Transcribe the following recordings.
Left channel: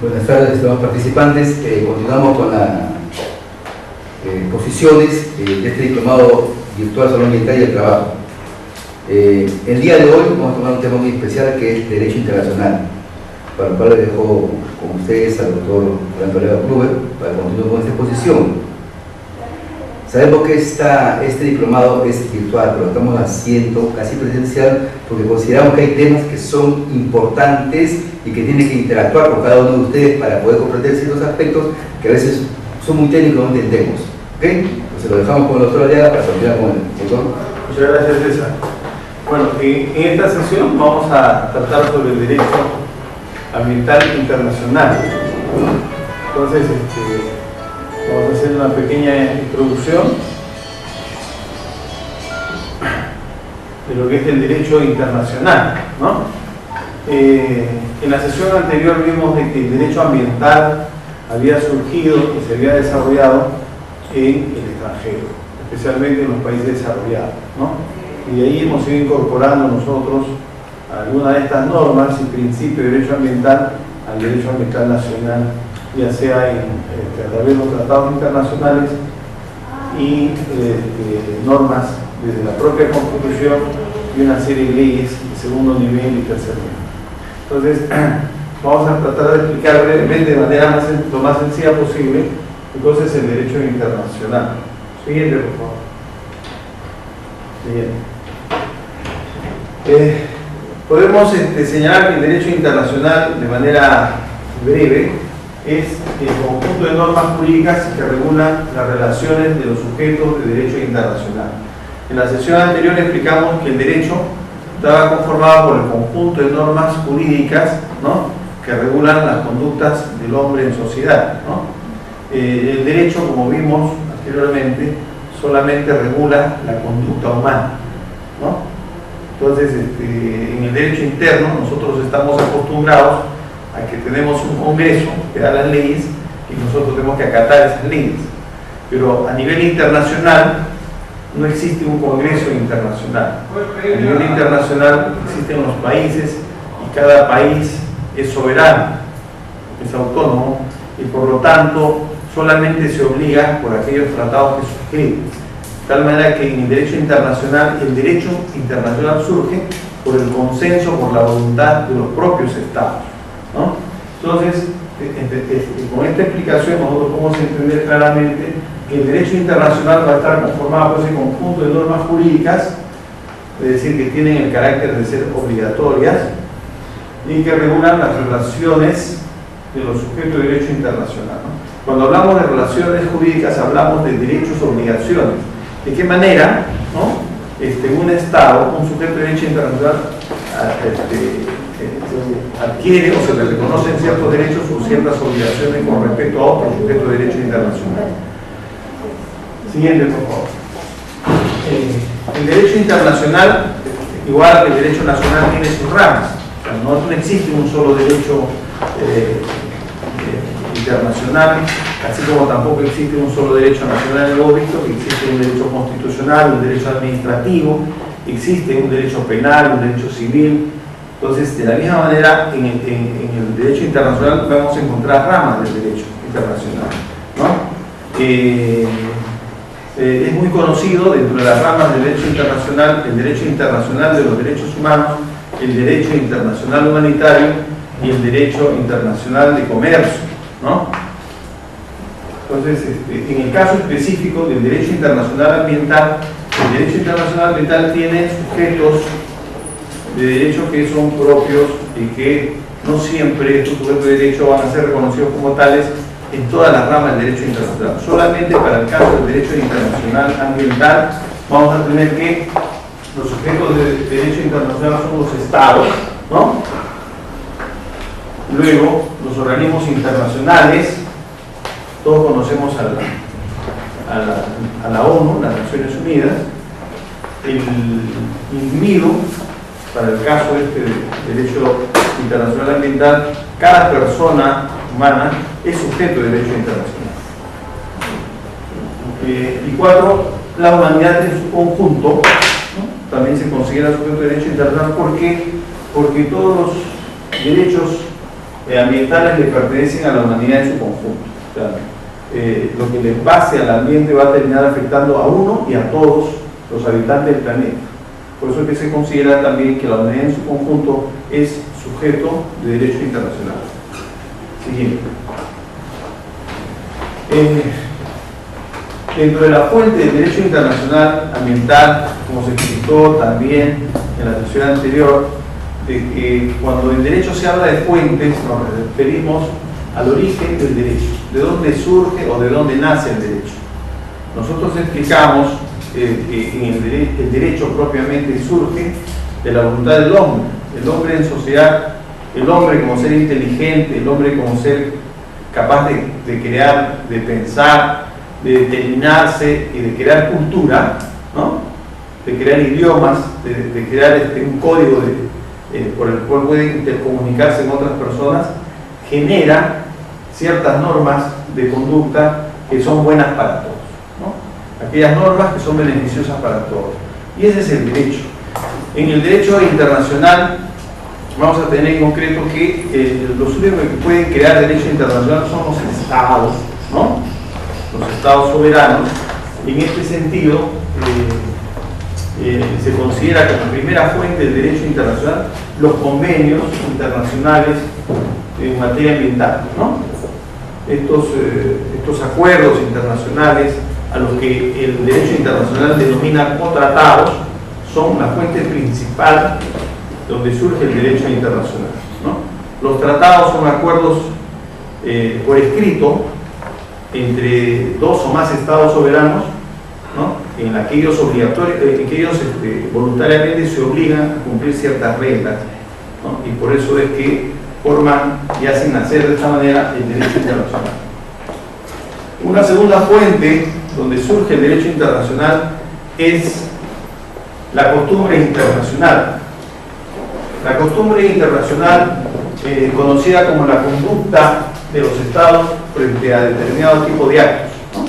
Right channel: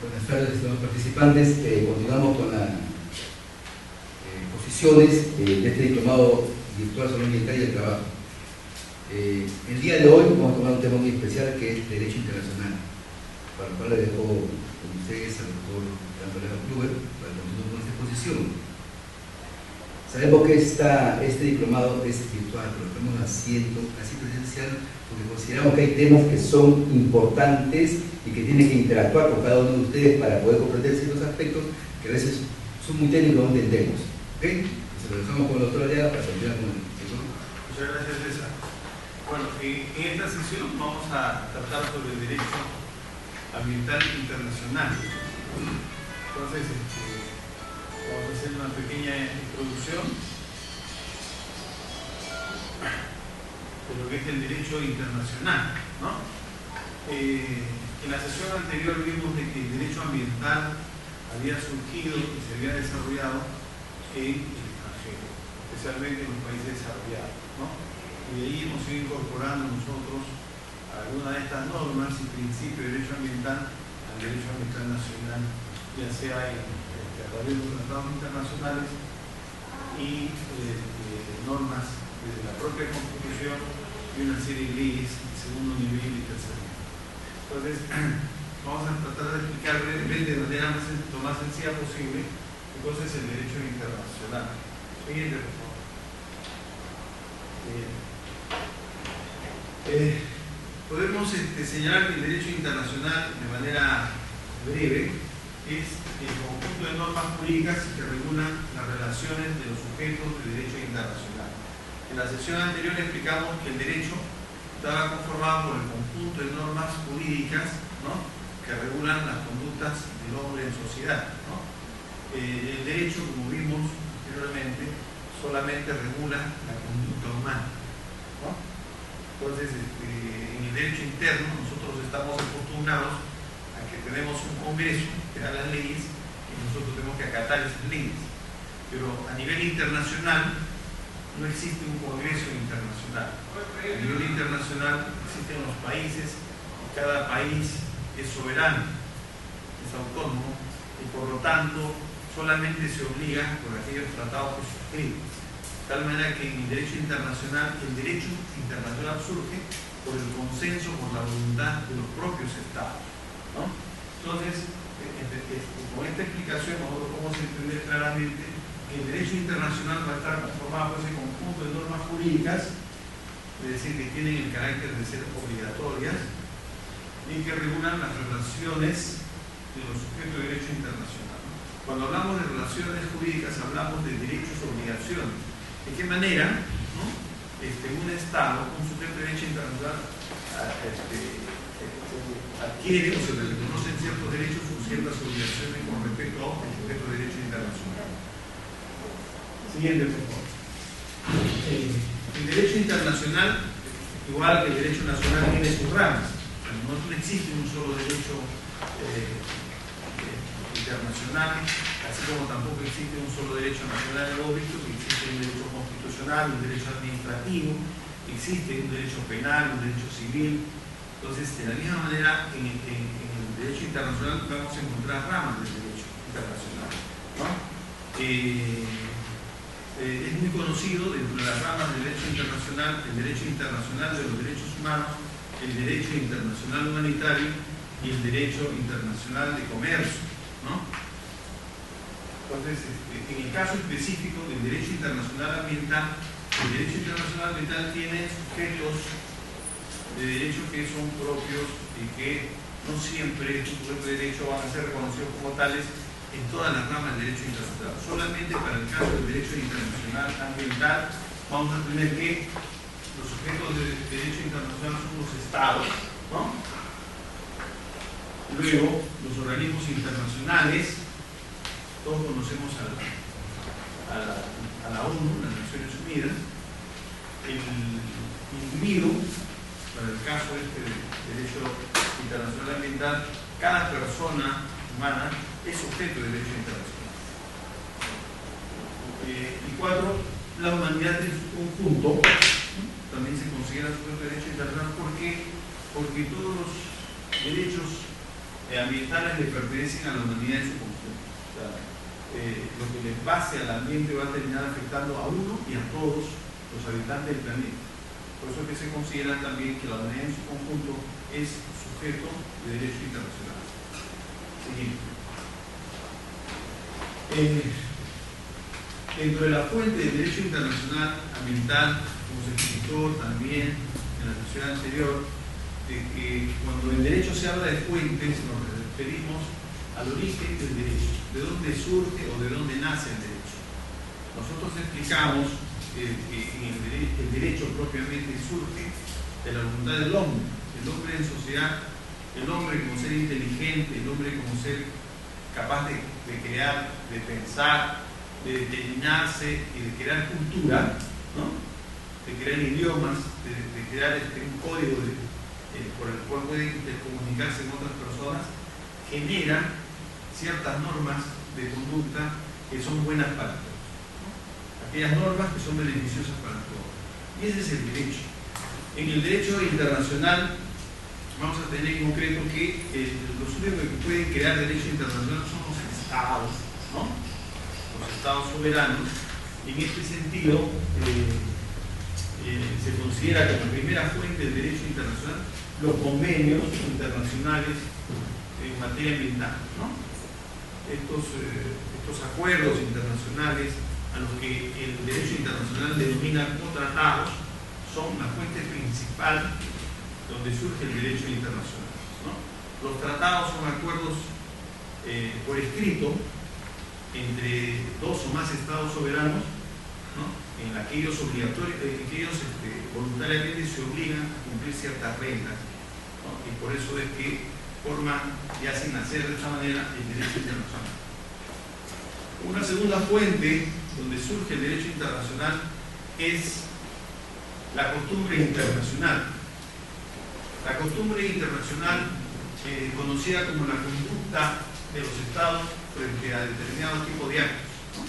Buenas tardes, estimados participantes. Continuamos con las posiciones de este diplomado virtual sobre ambiental y el trabajo. El día de hoy vamos a tomar un tema muy especial que es Derecho Internacional, para el cual le dejo con ustedes al doctor Fernando Leva Kluber para continuar con esta exposición. Sabemos que este diplomado es virtual, pero lo estamos haciendo casi presencial porque consideramos que hay temas que son importantes y que tienen que interactuar con cada uno de ustedes para poder comprender ciertos aspectos que a veces son muy técnicos y no entendemos. ¿Ok? Entonces lo dejamos con el doctor Aliaga para continuar con el doctor. Muchas gracias, César. Bueno, en esta sesión vamos a tratar sobre el derecho ambiental internacional. Entonces, vamos a hacer una pequeña introducción de lo que es el derecho internacional, ¿no? En la sesión anterior vimos de que el derecho ambiental había surgido y se había desarrollado en el extranjero, especialmente en los países desarrollados, ¿no? Y de ahí hemos ido incorporando nosotros algunas de estas normas y principios de derecho ambiental al derecho ambiental nacional, ya sea a través de los tratados internacionales y normas desde la propia Constitución y una serie de leyes de segundo nivel y tercer nivel. Entonces, vamos a tratar de explicar brevemente, de manera lo más sencilla posible, qué cosa es el derecho internacional. Siguiente, por favor. Siguiente. Podemos señalar que el derecho internacional, de manera breve, es el conjunto de normas jurídicas que regulan las relaciones de los sujetos de derecho internacional. En la sesión anterior explicamos que el derecho estaba conformado por el conjunto de normas jurídicas, ¿no?, que regulan las conductas del hombre en sociedad, ¿no? El derecho, como vimos anteriormente, solamente regula la conducta humana, ¿no? Entonces, en el derecho interno nosotros estamos acostumbrados a que tenemos un Congreso que da las leyes y nosotros tenemos que acatar esas leyes. Pero a nivel internacional no existe un Congreso internacional. A nivel internacional existen los países y cada país es soberano, es autónomo y por lo tanto solamente se obliga por aquellos tratados que suscribe. De tal manera que en el derecho internacional surge por el consenso, por la voluntad de los propios estados, ¿no? Entonces, con esta explicación nosotros podemos entender claramente que el derecho internacional va a estar conformado por ese conjunto de normas jurídicas, es decir, que tienen el carácter de ser obligatorias y que regulan las relaciones de los sujetos de derecho internacional, ¿no? Cuando hablamos de relaciones jurídicas hablamos de derechos y obligaciones. ¿De qué manera, ¿no?, un Estado, un sujeto de derecho internacional adquiere o se le reconocen ciertos derechos o ciertas obligaciones con respecto a otro sujeto de derecho internacional? Siguiente, por favor. El derecho internacional, igual que el derecho nacional, tiene sus ramas. O sea, no existe un solo derecho internacional, así como tampoco existe un solo derecho nacional. Hemos visto que existe un derecho constitucional, un derecho administrativo, existe un derecho penal, un derecho civil. Entonces, de la misma manera, en el derecho internacional vamos a encontrar ramas del derecho internacional, ¿no? Es muy conocido dentro de las ramas del derecho internacional el derecho internacional de los derechos humanos, el derecho internacional humanitario y el derecho internacional de comercio, ¿no? Entonces, en el caso específico del derecho internacional ambiental, el derecho internacional ambiental tiene sujetos de derecho que son propios y que no siempre estos sujetos de derecho van a ser reconocidos como tales en todas las ramas del derecho internacional. Solamente para el caso del derecho internacional ambiental vamos a tener que los sujetos de derecho internacional son los estados, ¿no? Luego, los organismos internacionales, todos conocemos a la ONU, las Naciones Unidas, el MIDO, para el caso de derecho internacional ambiental, cada persona humana es sujeto de derecho internacional. Y 4, la humanidad en su conjunto, ¿no?, también se considera sujeto de derecho internacional porque todos los derechos ambientales le pertenecen a la humanidad en su conjunto. O sea, lo que le pase al ambiente va a terminar afectando a uno y a todos los habitantes del planeta. Por eso es que se considera también que la humanidad en su conjunto es sujeto de derecho internacional. Siguiente. Dentro de la fuente del derecho internacional ambiental, como se explicó también en la sesión anterior, de que cuando en derecho se habla de fuentes, nos referimos al origen del derecho, de dónde surge o de dónde nace el derecho. Nosotros explicamos que el derecho propiamente surge de la voluntad del hombre. El hombre en sociedad, el hombre como ser inteligente, el hombre como ser capaz de crear, de pensar, de determinarse y de crear cultura, ¿no? De crear idiomas, de crear un código por el cual puede intercomunicarse con otras personas, genera ciertas normas de conducta que son buenas para todos, ¿no? Aquellas normas que son beneficiosas para todos. Y ese es el derecho. En el derecho internacional vamos a tener en concreto que los únicos que pueden crear derecho internacional son los estados, ¿no? Los estados soberanos. En este sentido, se considera como primera fuente del derecho internacional los convenios internacionales en materia ambiental, ¿no? Estos acuerdos internacionales a los que el derecho internacional denomina como tratados son la fuente principal donde surge el derecho internacional, ¿no? Los tratados son acuerdos por escrito entre dos o más estados soberanos, ¿no? En la que ellos voluntariamente se obligan a cumplir ciertas reglas, ¿no? Y por eso es que forman y hacen nacer de esta manera el derecho internacional. Una segunda fuente donde surge el derecho internacional es la costumbre internacional. La costumbre internacional, conocida como la conducta de los estados frente a determinado tipo de actos, ¿no?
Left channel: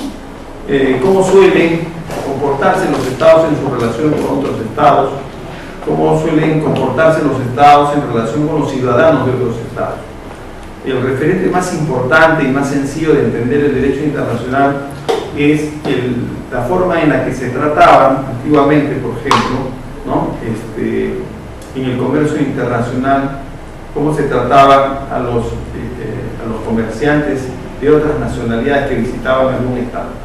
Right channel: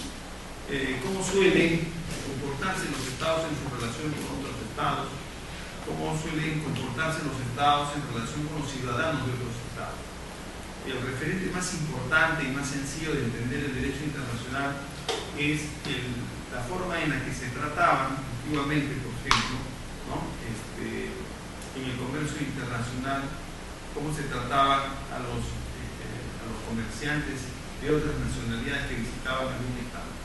Cómo suelen comportarse los estados en su relación con otros estados, cómo suelen comportarse los estados en relación con los ciudadanos de otros estados. El referente más importante y más sencillo de entender el derecho internacional es la forma en la que se trataban antiguamente, por ejemplo, ¿no? En el comercio internacional, cómo se trataba a los comerciantes de otras nacionalidades que visitaban algún estado.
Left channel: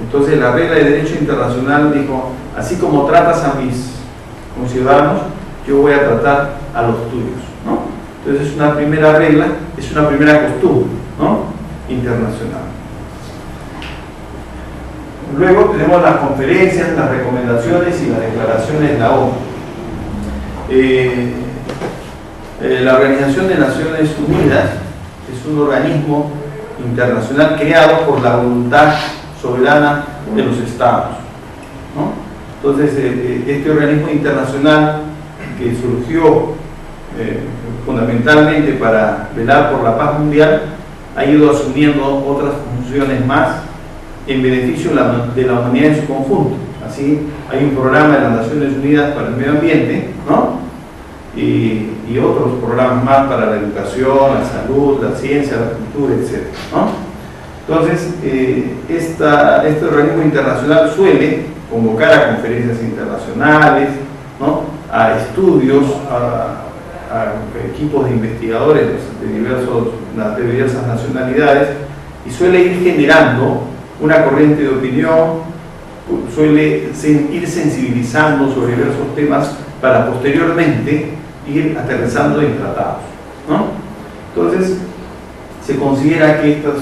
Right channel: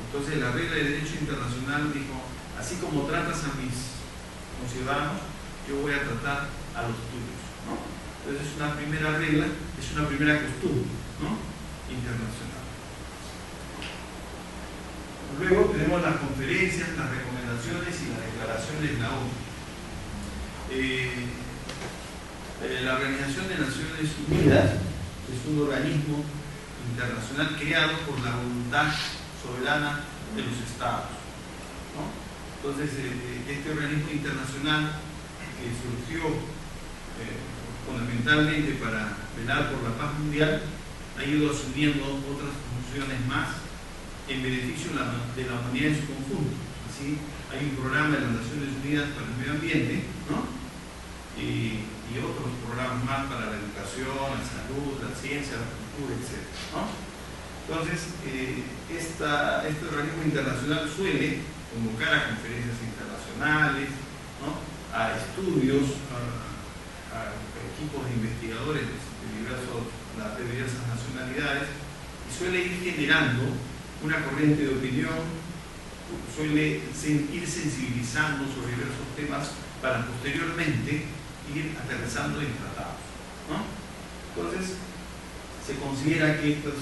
Entonces la regla de derecho internacional dijo, así como tratas a mis conciudadanos, yo voy a tratar a los tuyos, ¿no? Entonces es una primera regla, es una primera costumbre, ¿no? Internacional. Luego tenemos las conferencias, las recomendaciones y las declaraciones de la ONU. La Organización de Naciones Unidas es un organismo internacional creado por la voluntad soberana de los estados, ¿no? Entonces, este organismo internacional que surgió fundamentalmente para velar por la paz mundial, ha ido asumiendo otras funciones más en beneficio de la humanidad en su conjunto. Así, hay un programa de las Naciones Unidas para el medio ambiente, ¿no? Y otros programas más para la educación, la salud, la ciencia, la cultura, etc., ¿no? Entonces, este organismo internacional suele convocar a conferencias internacionales, ¿no? A estudios, a equipos de investigadores de diversas nacionalidades, y suele ir generando una corriente de opinión, suele ir sensibilizando sobre diversos temas para posteriormente ir aterrizando en tratados, ¿no? Entonces, se considera que estas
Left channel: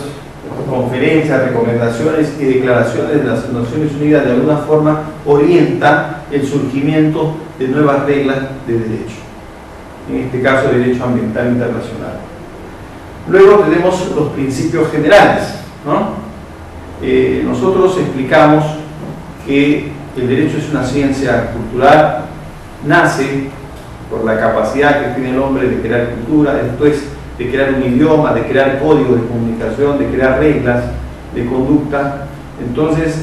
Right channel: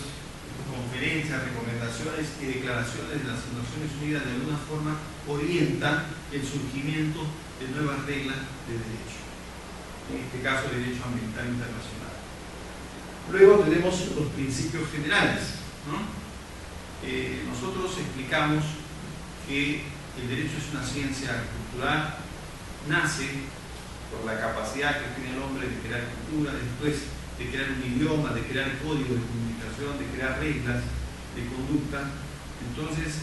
conferencias, recomendaciones y declaraciones de las Naciones Unidas de alguna forma orientan el surgimiento de nuevas reglas de derecho, en este caso derecho ambiental internacional. Luego tenemos los principios generales, ¿no? Nosotros explicamos que el derecho es una ciencia cultural, nace por la capacidad que tiene el hombre de crear cultura, después de crear un idioma, de crear código de comunicación, de crear reglas de conducta. Entonces,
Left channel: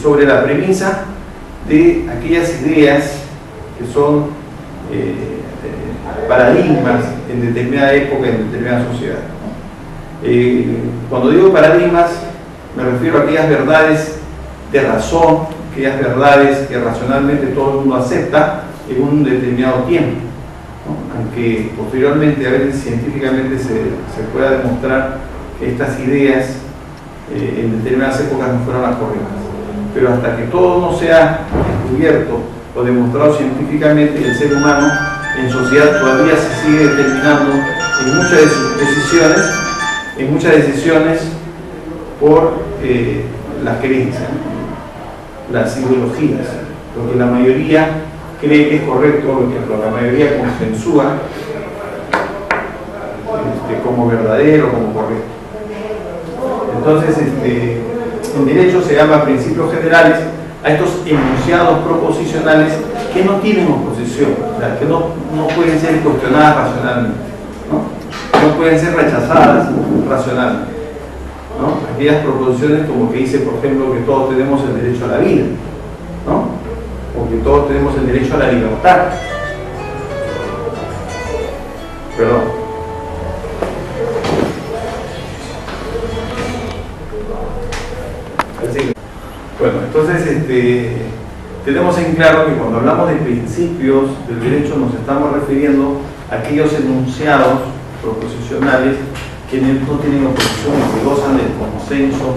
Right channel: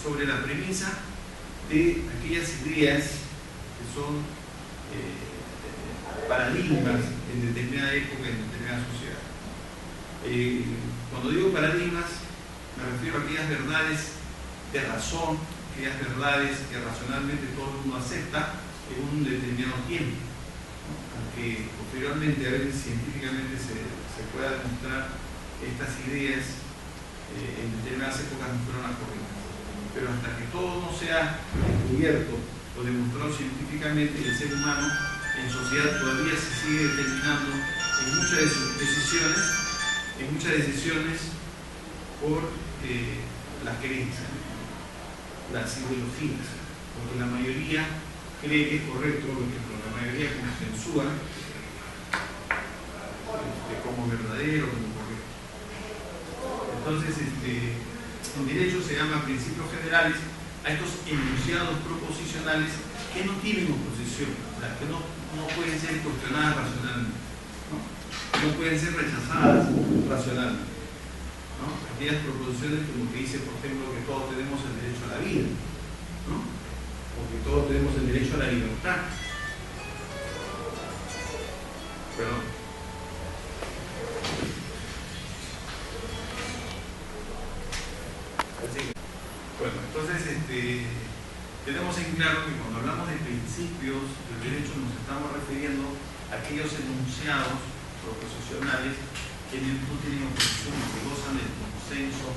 sobre la premisa de aquellas ideas que son paradigmas en determinada época, en determinada sociedad, ¿no? Cuando digo paradigmas, me refiero a aquellas verdades de razón, aquellas verdades que racionalmente todo el mundo acepta en un determinado tiempo, ¿no? Aunque posteriormente a veces científicamente se pueda demostrar que estas ideas en determinadas épocas no fueron las correctas. Pero hasta que todo no sea descubierto o demostrado científicamente, el ser humano en sociedad todavía se sigue determinando en muchas decisiones por las creencias, las ideologías, lo que la mayoría cree que es correcto, lo que la mayoría consensúa como verdadero, como correcto. Entonces, en derecho se llama principios generales a estos enunciados proposicionales que no tienen oposición, o sea, que no pueden ser cuestionadas racionalmente, no pueden ser rechazadas racionalmente, ¿no? Aquellas proposiciones como que dice, por ejemplo, que todos tenemos el derecho a la vida, ¿no? O que todos tenemos el derecho a la libertad. Perdón. Bueno, entonces tenemos en claro que cuando hablamos de principios del derecho nos estamos refiriendo a aquellos enunciados proposicionales que no tienen oposición y que gozan del consenso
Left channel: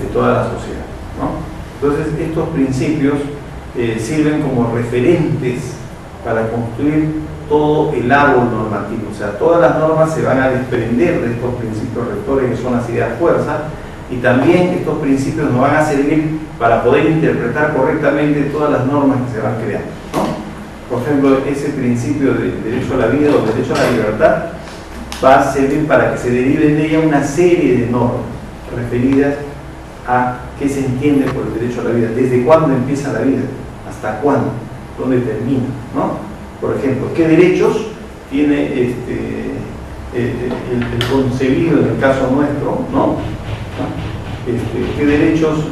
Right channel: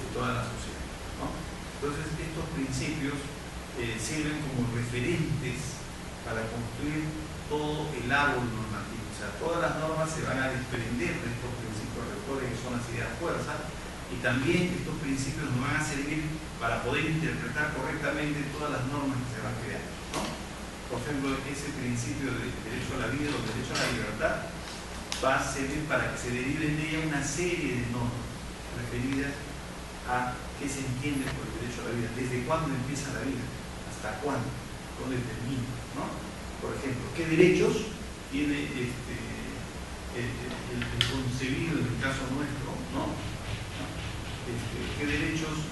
de toda la sociedad, ¿no? Entonces estos principios sirven como referentes para construir todo el árbol normativo, o sea, todas las normas se van a desprender de estos principios rectores que son las ideas fuerza, y también estos principios nos van a servir para poder interpretar correctamente todas las normas que se van creando, ¿no? Por ejemplo, ese principio de derecho a la vida o derecho a la libertad va a servir para que se deriven de ella una serie de normas referidas a qué se entiende por el derecho a la vida, desde cuándo empieza la vida, hasta cuándo, dónde termina, ¿no? Por ejemplo, qué derechos tiene el concebido en el caso nuestro, ¿no? ¿Qué derechos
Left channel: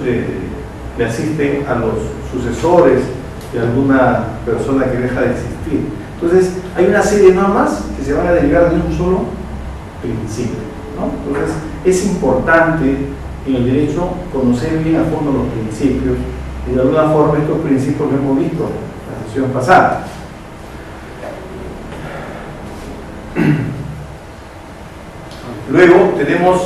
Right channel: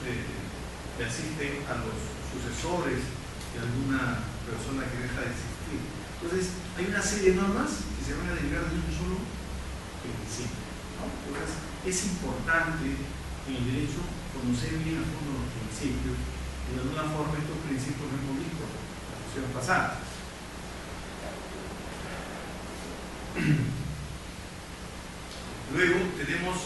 le asisten a los sucesores de alguna persona que deja de existir? Entonces, hay una serie de normas que se van a derivar de un solo principio, ¿no? Entonces, es importante en el derecho conocer bien a fondo los principios, y de alguna forma estos principios lo hemos visto en la sesión pasada. Luego tenemos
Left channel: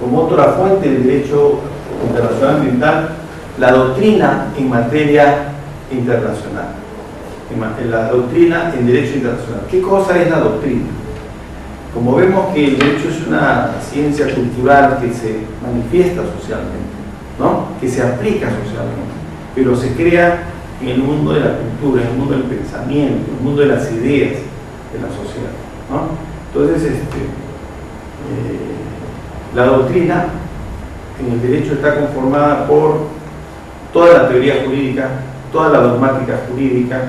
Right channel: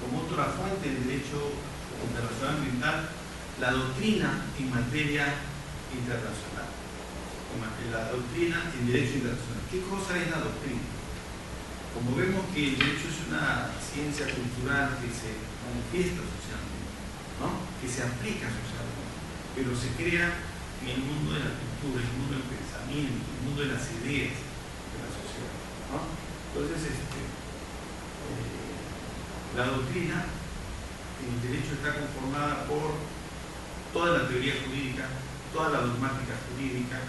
como otra fuente del derecho internacional ambiental la doctrina en materia internacional, la doctrina en derecho internacional. ¿Qué cosa es la doctrina? Como vemos que el derecho es una ciencia cultural que se manifiesta socialmente, ¿no? Que se aplica socialmente, pero se crea en el mundo de la cultura, en el mundo del pensamiento, en el mundo de las ideas de la sociedad, ¿no? Entonces, la doctrina en el derecho está conformada por toda la teoría jurídica, toda la dogmática jurídica,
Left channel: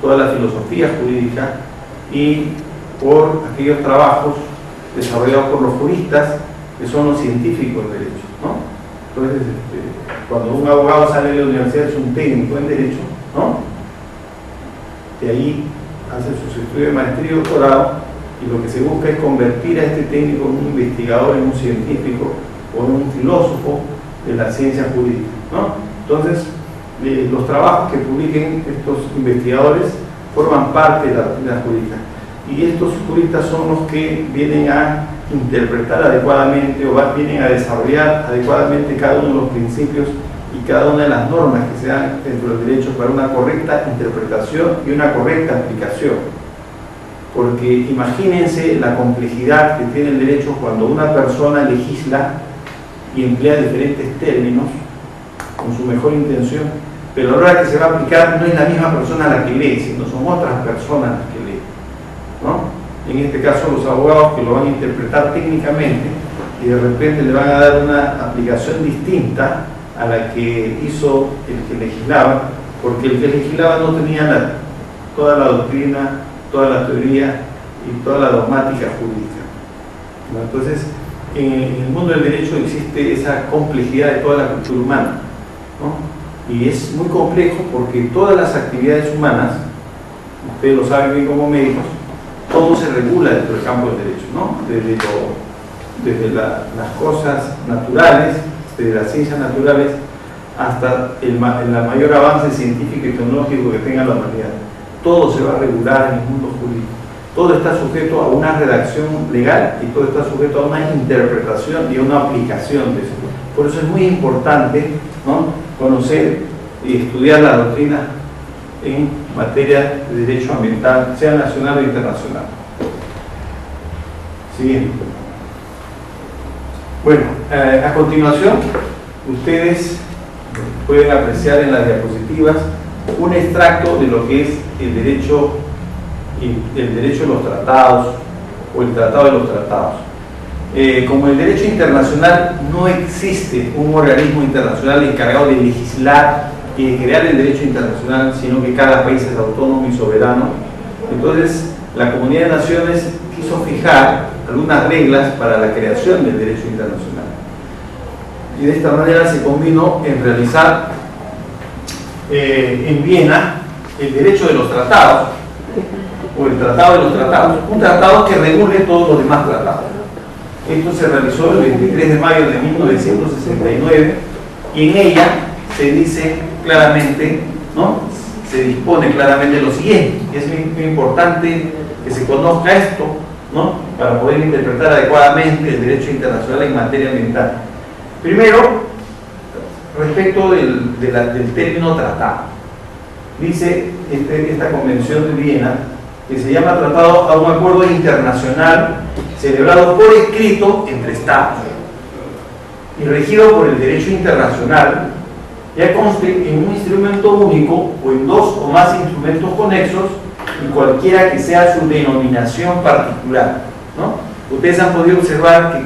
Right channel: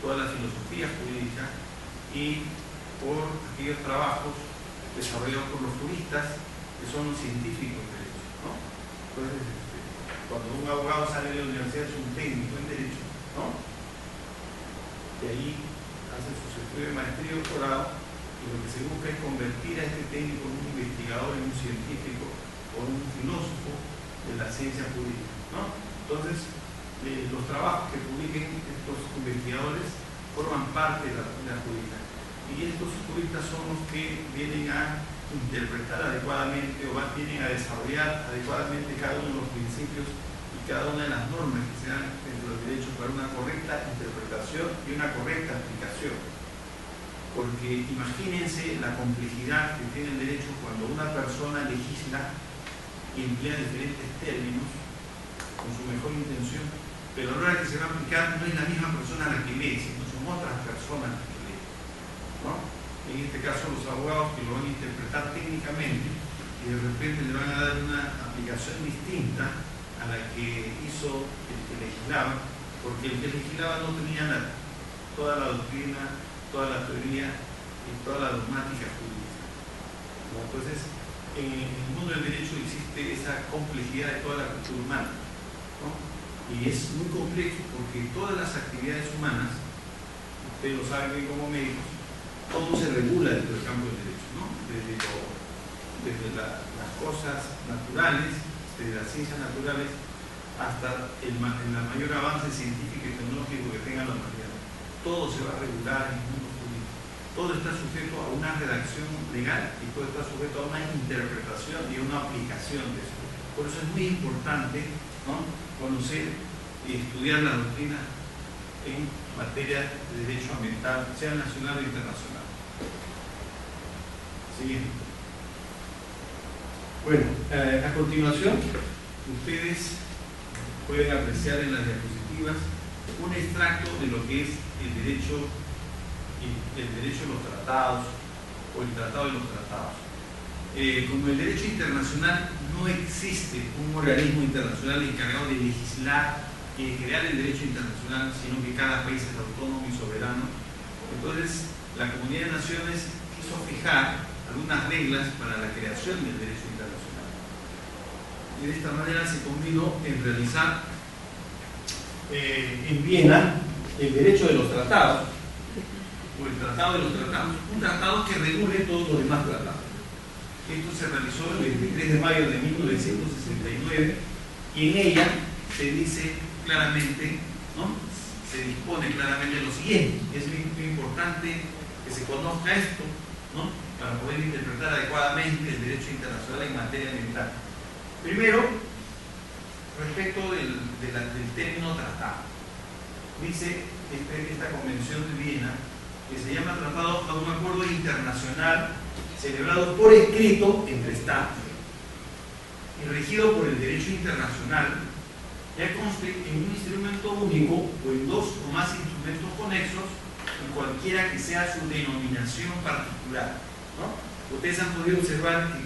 toda la filosofía jurídica y por aquellos trabajos desarrollados por los juristas que son los científicos del derecho, ¿no? Entonces, cuando un abogado sale de la universidad es un técnico en derecho, ¿no? De ahí hace sus estudios de maestría y doctorado, y lo que se busca es convertir a este técnico en un investigador, en un científico o en un filósofo de la ciencia jurídica, ¿no? Entonces, los trabajos que publiquen estos investigadores forman parte de la doctrina jurídica, y estos juristas son los que vienen a interpretar adecuadamente o vienen a desarrollar adecuadamente cada uno de los principios y cada una de las normas que se dan dentro del derecho para una correcta interpretación y una correcta aplicación. Porque imagínense la complejidad que tiene el derecho cuando una persona legisla y emplea diferentes términos con su mejor intención, pero a la hora que se va a aplicar no es la misma persona la que lee, sino son otras personas las que leen, ¿no? En este caso los abogados que lo van a interpretar técnicamente y de repente le van a dar una aplicación distinta a la que hizo el que legislaba, porque el que legislaba no tenía toda la doctrina, toda la teoría y toda la dogmática jurídica, ¿no? Entonces, en el mundo del derecho existe esa complejidad de toda la cultura humana, ¿no? Y es muy complejo porque todas las actividades humanas, ustedes lo saben bien como médicos, todo se regula dentro del campo del derecho, ¿no? Desde las cosas naturales, desde las ciencias naturales, hasta el mayor avance científico y tecnológico que tenga la humanidad. Todo se va a regular en el mundo jurídico. Todo está sujeto a una redacción legal y todo está sujeto a una interpretación y a una aplicación de eso. Por eso es muy importante, ¿no?, conocer y estudiar la doctrina en materia de derecho ambiental, sea nacional o internacional. Siguiente. Bueno, a continuación, ustedes pueden apreciar en las diapositivas un extracto de lo que es el derecho de los tratados o el tratado de los tratados. Como el derecho internacional no existe un organismo internacional encargado de legislar y de crear el derecho internacional, sino que cada país es autónomo y soberano, entonces la Comunidad de Naciones quiso fijar algunas reglas para la creación del derecho internacional. Y de esta manera se combinó en realizar en Viena el derecho de los tratados, o el tratado de los tratados, un tratado que regule todos los demás tratados. Esto se realizó el 23 de mayo de 1969 y en ella se dice claramente, ¿no?, se dispone claramente lo siguiente. Es muy importante que se conozca esto, ¿no?, para poder interpretar adecuadamente el derecho internacional en materia ambiental. Primero, respecto del término tratado, dice esta Convención de Viena que se llama Tratado a un acuerdo internacional celebrado por escrito entre Estados y regido por el derecho internacional, ya conste en un instrumento único o en dos o más instrumentos conexos y cualquiera que sea su denominación particular, ¿no? Ustedes han podido observar que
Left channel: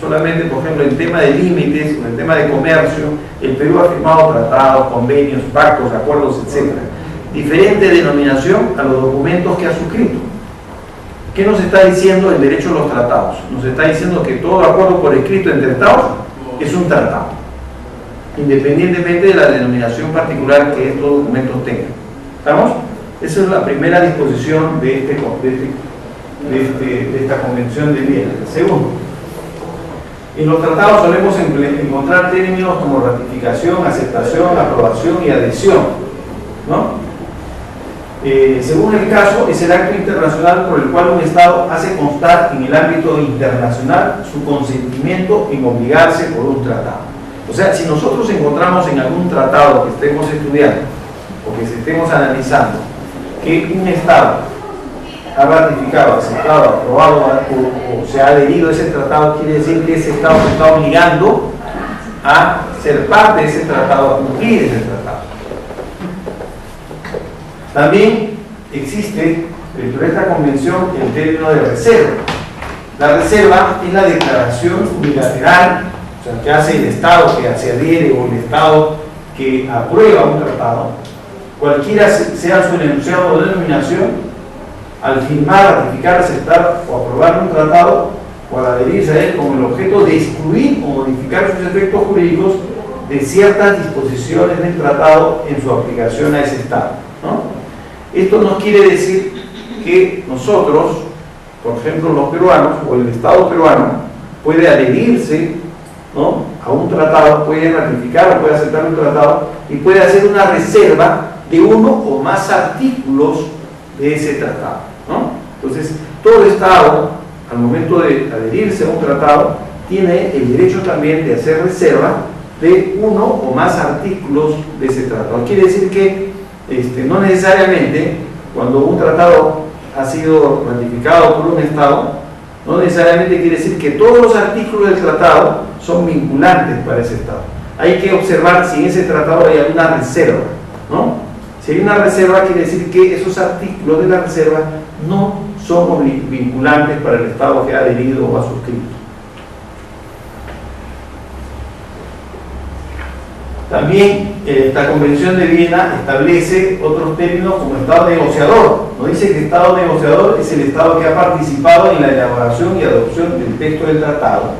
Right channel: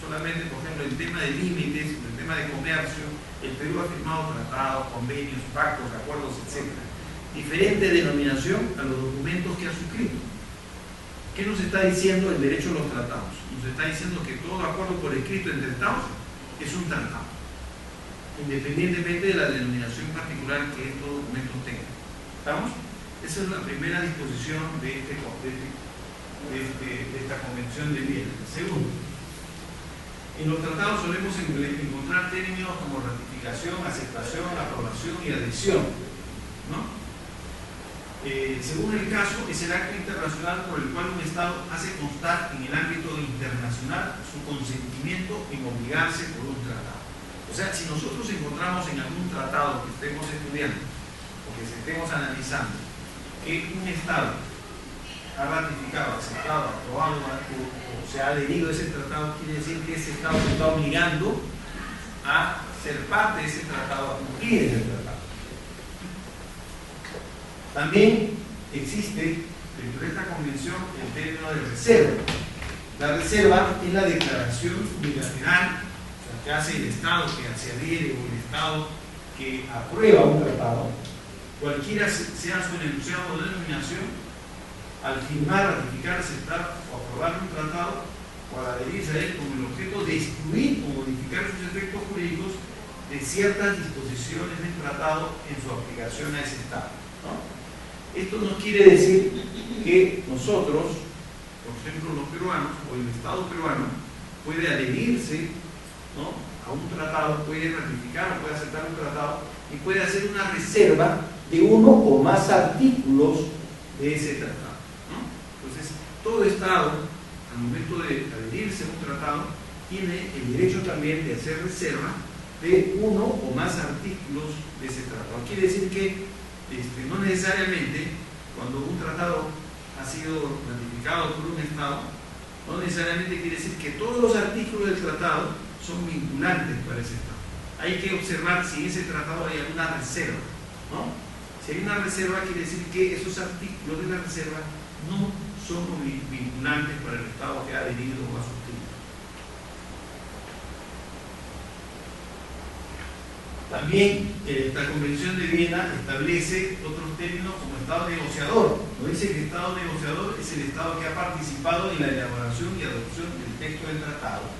solamente, por ejemplo, en tema de límites o en tema de comercio, el Perú ha firmado tratados, convenios, pactos, acuerdos, etc. Diferente denominación a los documentos que ha suscrito. ¿Qué nos está diciendo el derecho de los tratados? Nos está diciendo que todo acuerdo por escrito entre Estados es un tratado, independientemente de la denominación particular que estos documentos tengan. ¿Estamos? Esa es la primera disposición de esta Convención de Viena. Segundo, en los tratados solemos encontrar términos como ratificación, aceptación, aprobación y adhesión, ¿no? Según el caso, es el acto internacional por el cual un Estado hace constar en el ámbito internacional su consentimiento en obligarse por un tratado. O sea, si nosotros encontramos en algún tratado que estemos estudiando o que estemos analizando que un Estado ha ratificado, aceptado, aprobado o se ha adherido a ese tratado, quiere decir que ese Estado se está obligando a ser parte de ese tratado, a cumplir ese tratado. También existe dentro de esta convención el término de reserva. La reserva es la declaración unilateral, o sea, que hace el Estado que se adhiere o el Estado que aprueba un tratado, cualquiera sea su enunciado o denominación, al firmar, ratificar, aceptar o aprobar un tratado o al adherirse a él con el objeto de excluir o modificar sus efectos jurídicos de ciertas disposiciones del tratado en su aplicación a ese Estado, ¿no? Esto no quiere decir que nosotros, por ejemplo los peruanos o el Estado peruano, puede adherirse, ¿no?, a un tratado, puede ratificar o puede aceptar un tratado y puede hacer una reserva de uno o más artículos de ese tratado, ¿no? Entonces, todo Estado, al momento de adherirse a un tratado, tiene el derecho también de hacer reserva de uno o más artículos de ese tratado. Quiere decir que no necesariamente cuando un tratado ha sido ratificado por un Estado, no necesariamente quiere decir que todos los artículos del tratado son vinculantes para ese Estado. Hay que observar si en ese tratado hay alguna reserva, ¿no? Si hay una reserva, quiere decir que esos artículos de la reserva no son vinculantes para el Estado que ha adherido o ha suscrito. También esta Convención de Viena establece otros términos como Estado negociador. Nos dice que Estado negociador es el Estado que ha participado en la elaboración y adopción del texto del tratado.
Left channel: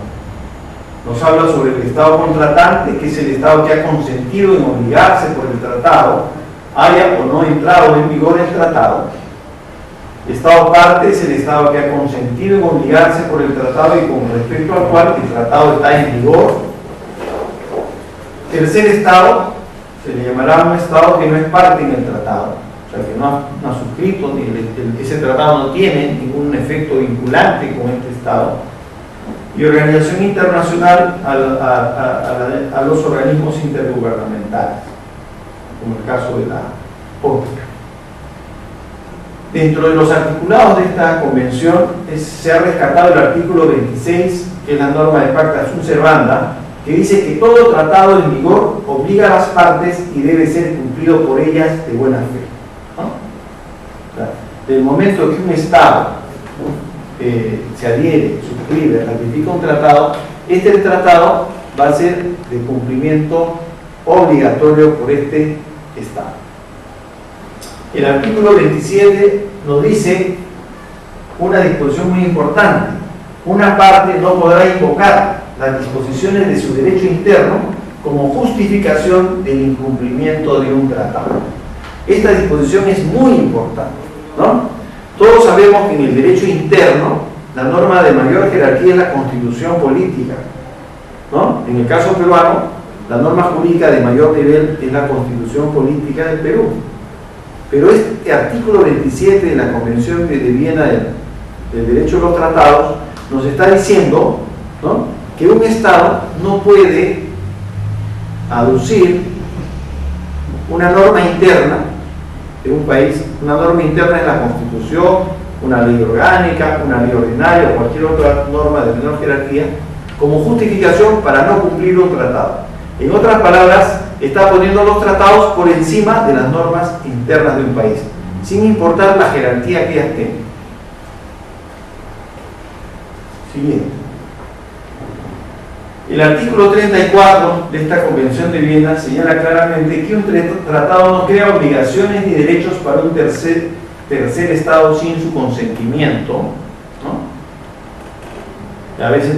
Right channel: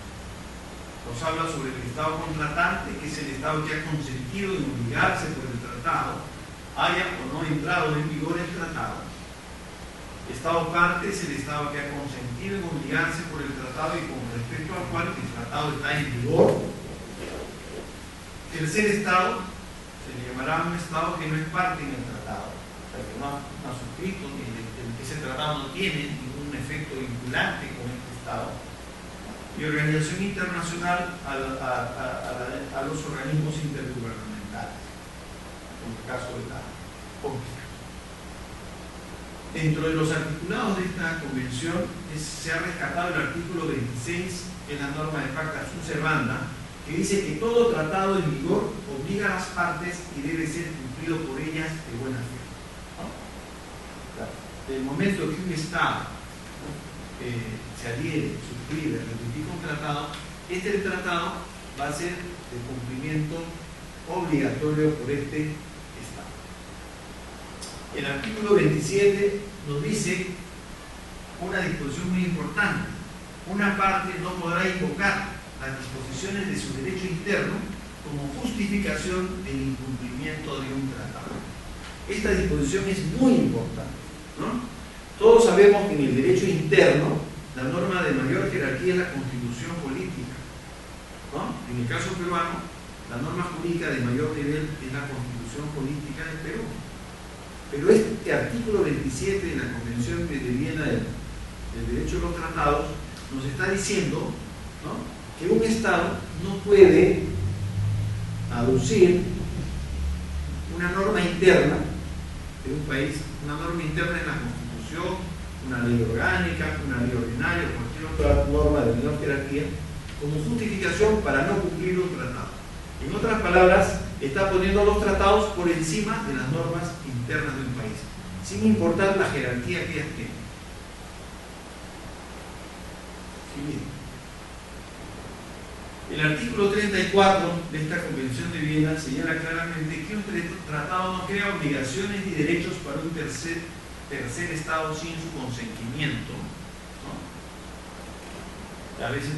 Nos habla sobre el Estado contratante, que es el Estado que ha consentido en obligarse por el tratado, haya o no entrado en vigor el tratado. Estado parte es el Estado que ha consentido en obligarse por el tratado y con respecto al cual el tratado está en vigor. Tercer Estado se le llamará un Estado que no es parte en el tratado, o sea, que no ha suscrito, ese tratado no tiene ningún efecto vinculante con este Estado. Y organización internacional a los organismos intergubernamentales, como el caso de la ONU. Dentro de los articulados de esta convención se ha rescatado el artículo 26, que es la norma de Pacta Sunt Servanda, que dice que todo tratado en vigor obliga a las partes y debe ser cumplido por ellas de buena fe, ¿no? O sea, del momento que un Estado se adhiere, suscribe, ratifica un tratado, este tratado va a ser de cumplimiento obligatorio por este Estado. El artículo 27 nos dice una disposición muy importante: una parte no podrá invocar las disposiciones de su derecho interno como justificación del incumplimiento de un tratado. Esta disposición es muy importante, ¿no? Todos sabemos que en el derecho interno la norma de mayor jerarquía es la constitución política, ¿no? En el caso peruano, la norma jurídica de mayor nivel es la constitución política del Perú. Pero este artículo 27 de la Convención de Viena del Derecho de los Tratados nos está diciendo, ¿no?, que un Estado no puede aducir una norma interna de un país. Una norma interna es la Constitución, una ley orgánica, una ley ordinaria o cualquier otra norma de menor jerarquía, como justificación para no cumplir un tratado. En otras palabras, está poniendo los tratados por encima de las normas internas de un país, sin importar la jerarquía que ellas tengan. Siguiente. El artículo 34 de esta Convención de Viena señala claramente que un tratado no crea obligaciones ni derechos para un tercer Estado sin su consentimiento, ¿no?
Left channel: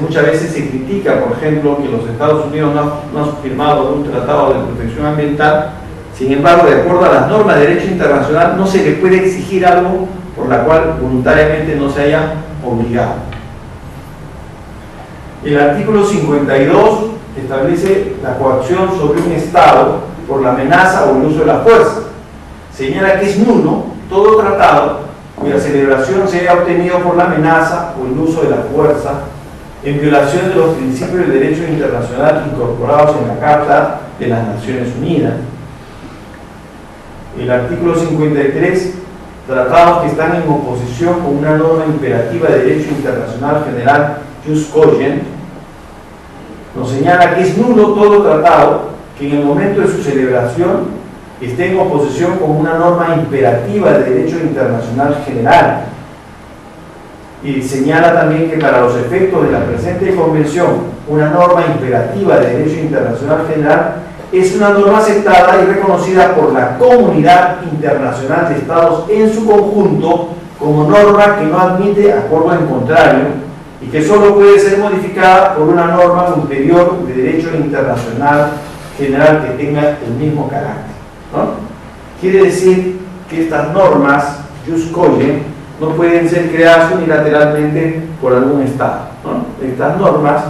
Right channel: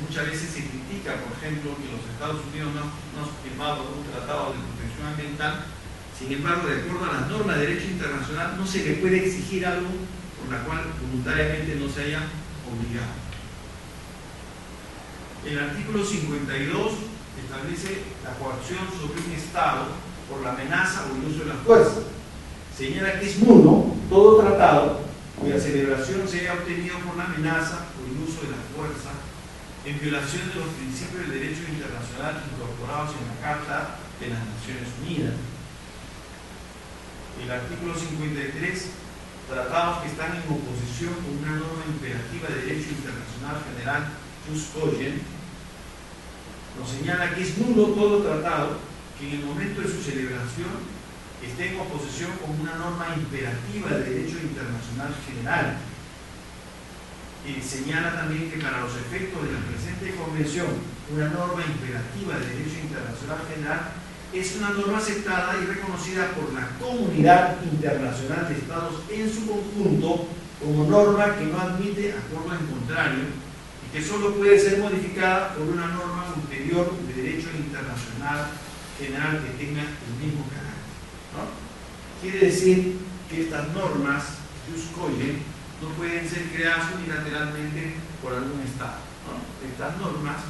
Muchas veces se critica, por ejemplo, que los Estados Unidos no han firmado un tratado de protección ambiental. Sin embargo, de acuerdo a las normas de derecho internacional, no se le puede exigir algo por la cual voluntariamente no se haya obligado. El artículo 52 establece la coacción sobre un Estado por la amenaza o el uso de la fuerza. Señala que es nulo todo tratado cuya celebración se haya obtenido por la amenaza o el uso de la fuerza, en violación de los principios del derecho internacional incorporados en la Carta de las Naciones Unidas. El artículo 53, tratados que están en oposición con una norma imperativa de derecho internacional general, jus cogens, nos señala que es nulo todo tratado que en el momento de su celebración esté en oposición con una norma imperativa de derecho internacional general. Y señala también que para los efectos de la presente convención, una norma imperativa de derecho internacional general es una norma aceptada y reconocida por la comunidad internacional de estados en su conjunto como norma que no admite acuerdo en contrario y que solo puede ser modificada por una norma ulterior de derecho internacional general que tenga el mismo carácter, ¿no? Quiere decir que estas normas, jus cogens, no pueden ser creadas unilateralmente por algún Estado, ¿no? Estas normas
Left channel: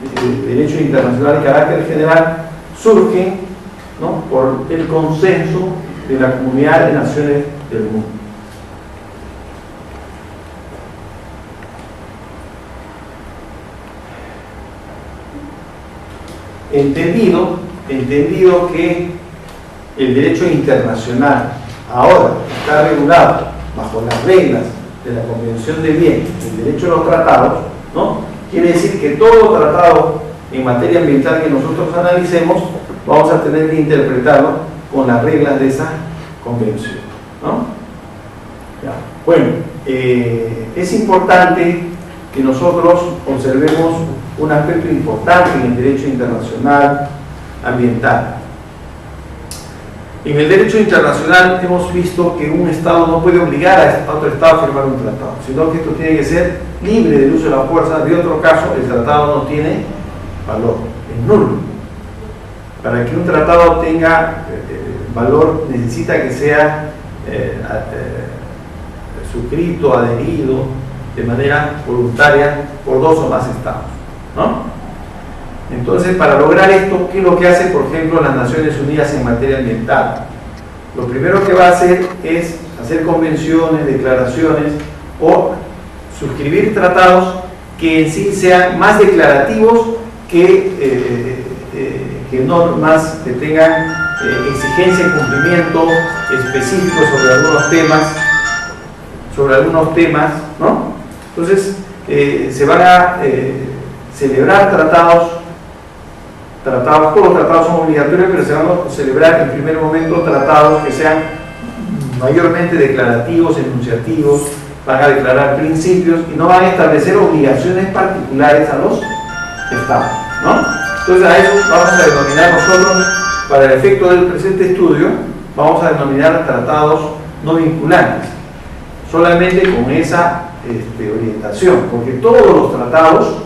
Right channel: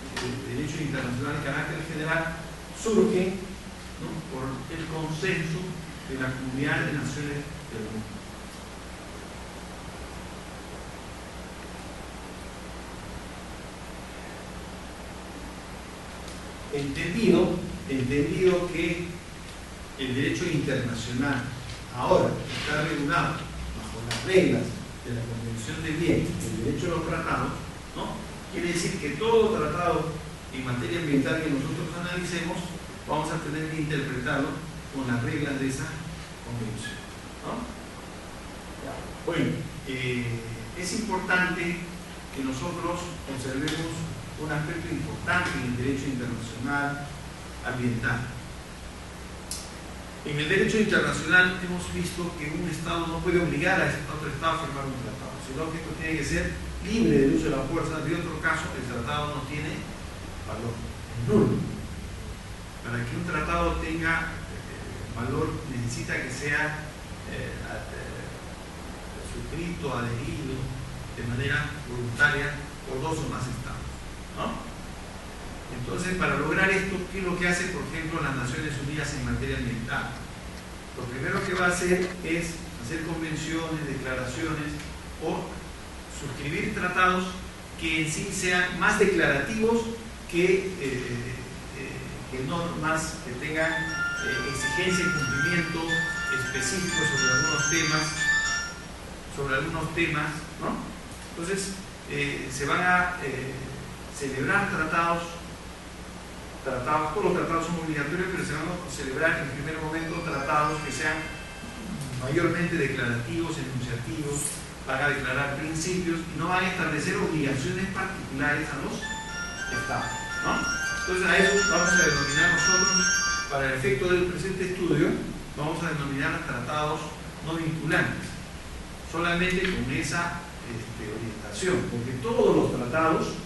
de derecho internacional de carácter general surgen, ¿no?, por el consenso de la comunidad de naciones del mundo. Entendido que el derecho internacional ahora está regulado bajo las reglas de la Convención de Viena, el derecho de los tratados, ¿no?, quiere decir que todo tratado en materia ambiental que nosotros analicemos vamos a tener que interpretarlo con las reglas de esa convención, ¿no? Ya. Bueno, es importante que nosotros observemos un aspecto importante en el derecho internacional ambiental. En el derecho internacional hemos visto que un Estado no puede obligar a otro Estado a firmar un tratado, sino que esto tiene que ser libre del uso de la fuerza. De otro caso, el tratado no tiene valor, es nulo. Para que un tratado tenga valor, necesita que sea suscrito, adherido de manera voluntaria por 2 o más estados, ¿no? Entonces, para lograr esto, ¿qué es lo que hace, por ejemplo, las Naciones Unidas en materia ambiental? Lo primero que va a hacer es hacer convenciones, declaraciones o suscribir tratados que en sí sean más declarativos que normas que tengan exigencia y cumplimiento específico sobre algunos temas, ¿no? Entonces, se van a celebrar tratados, todos los tratados son obligatorios, pero se van a celebrar en primer momento tratados que sean mayormente declarativos, enunciativos, van a declarar principios y no van a establecer obligaciones particulares a los estados, ¿no? Entonces a eso vamos a denominar nosotros, para el efecto del presente estudio, vamos a denominar tratados no vinculantes, solamente con esa orientación, porque todos los tratados,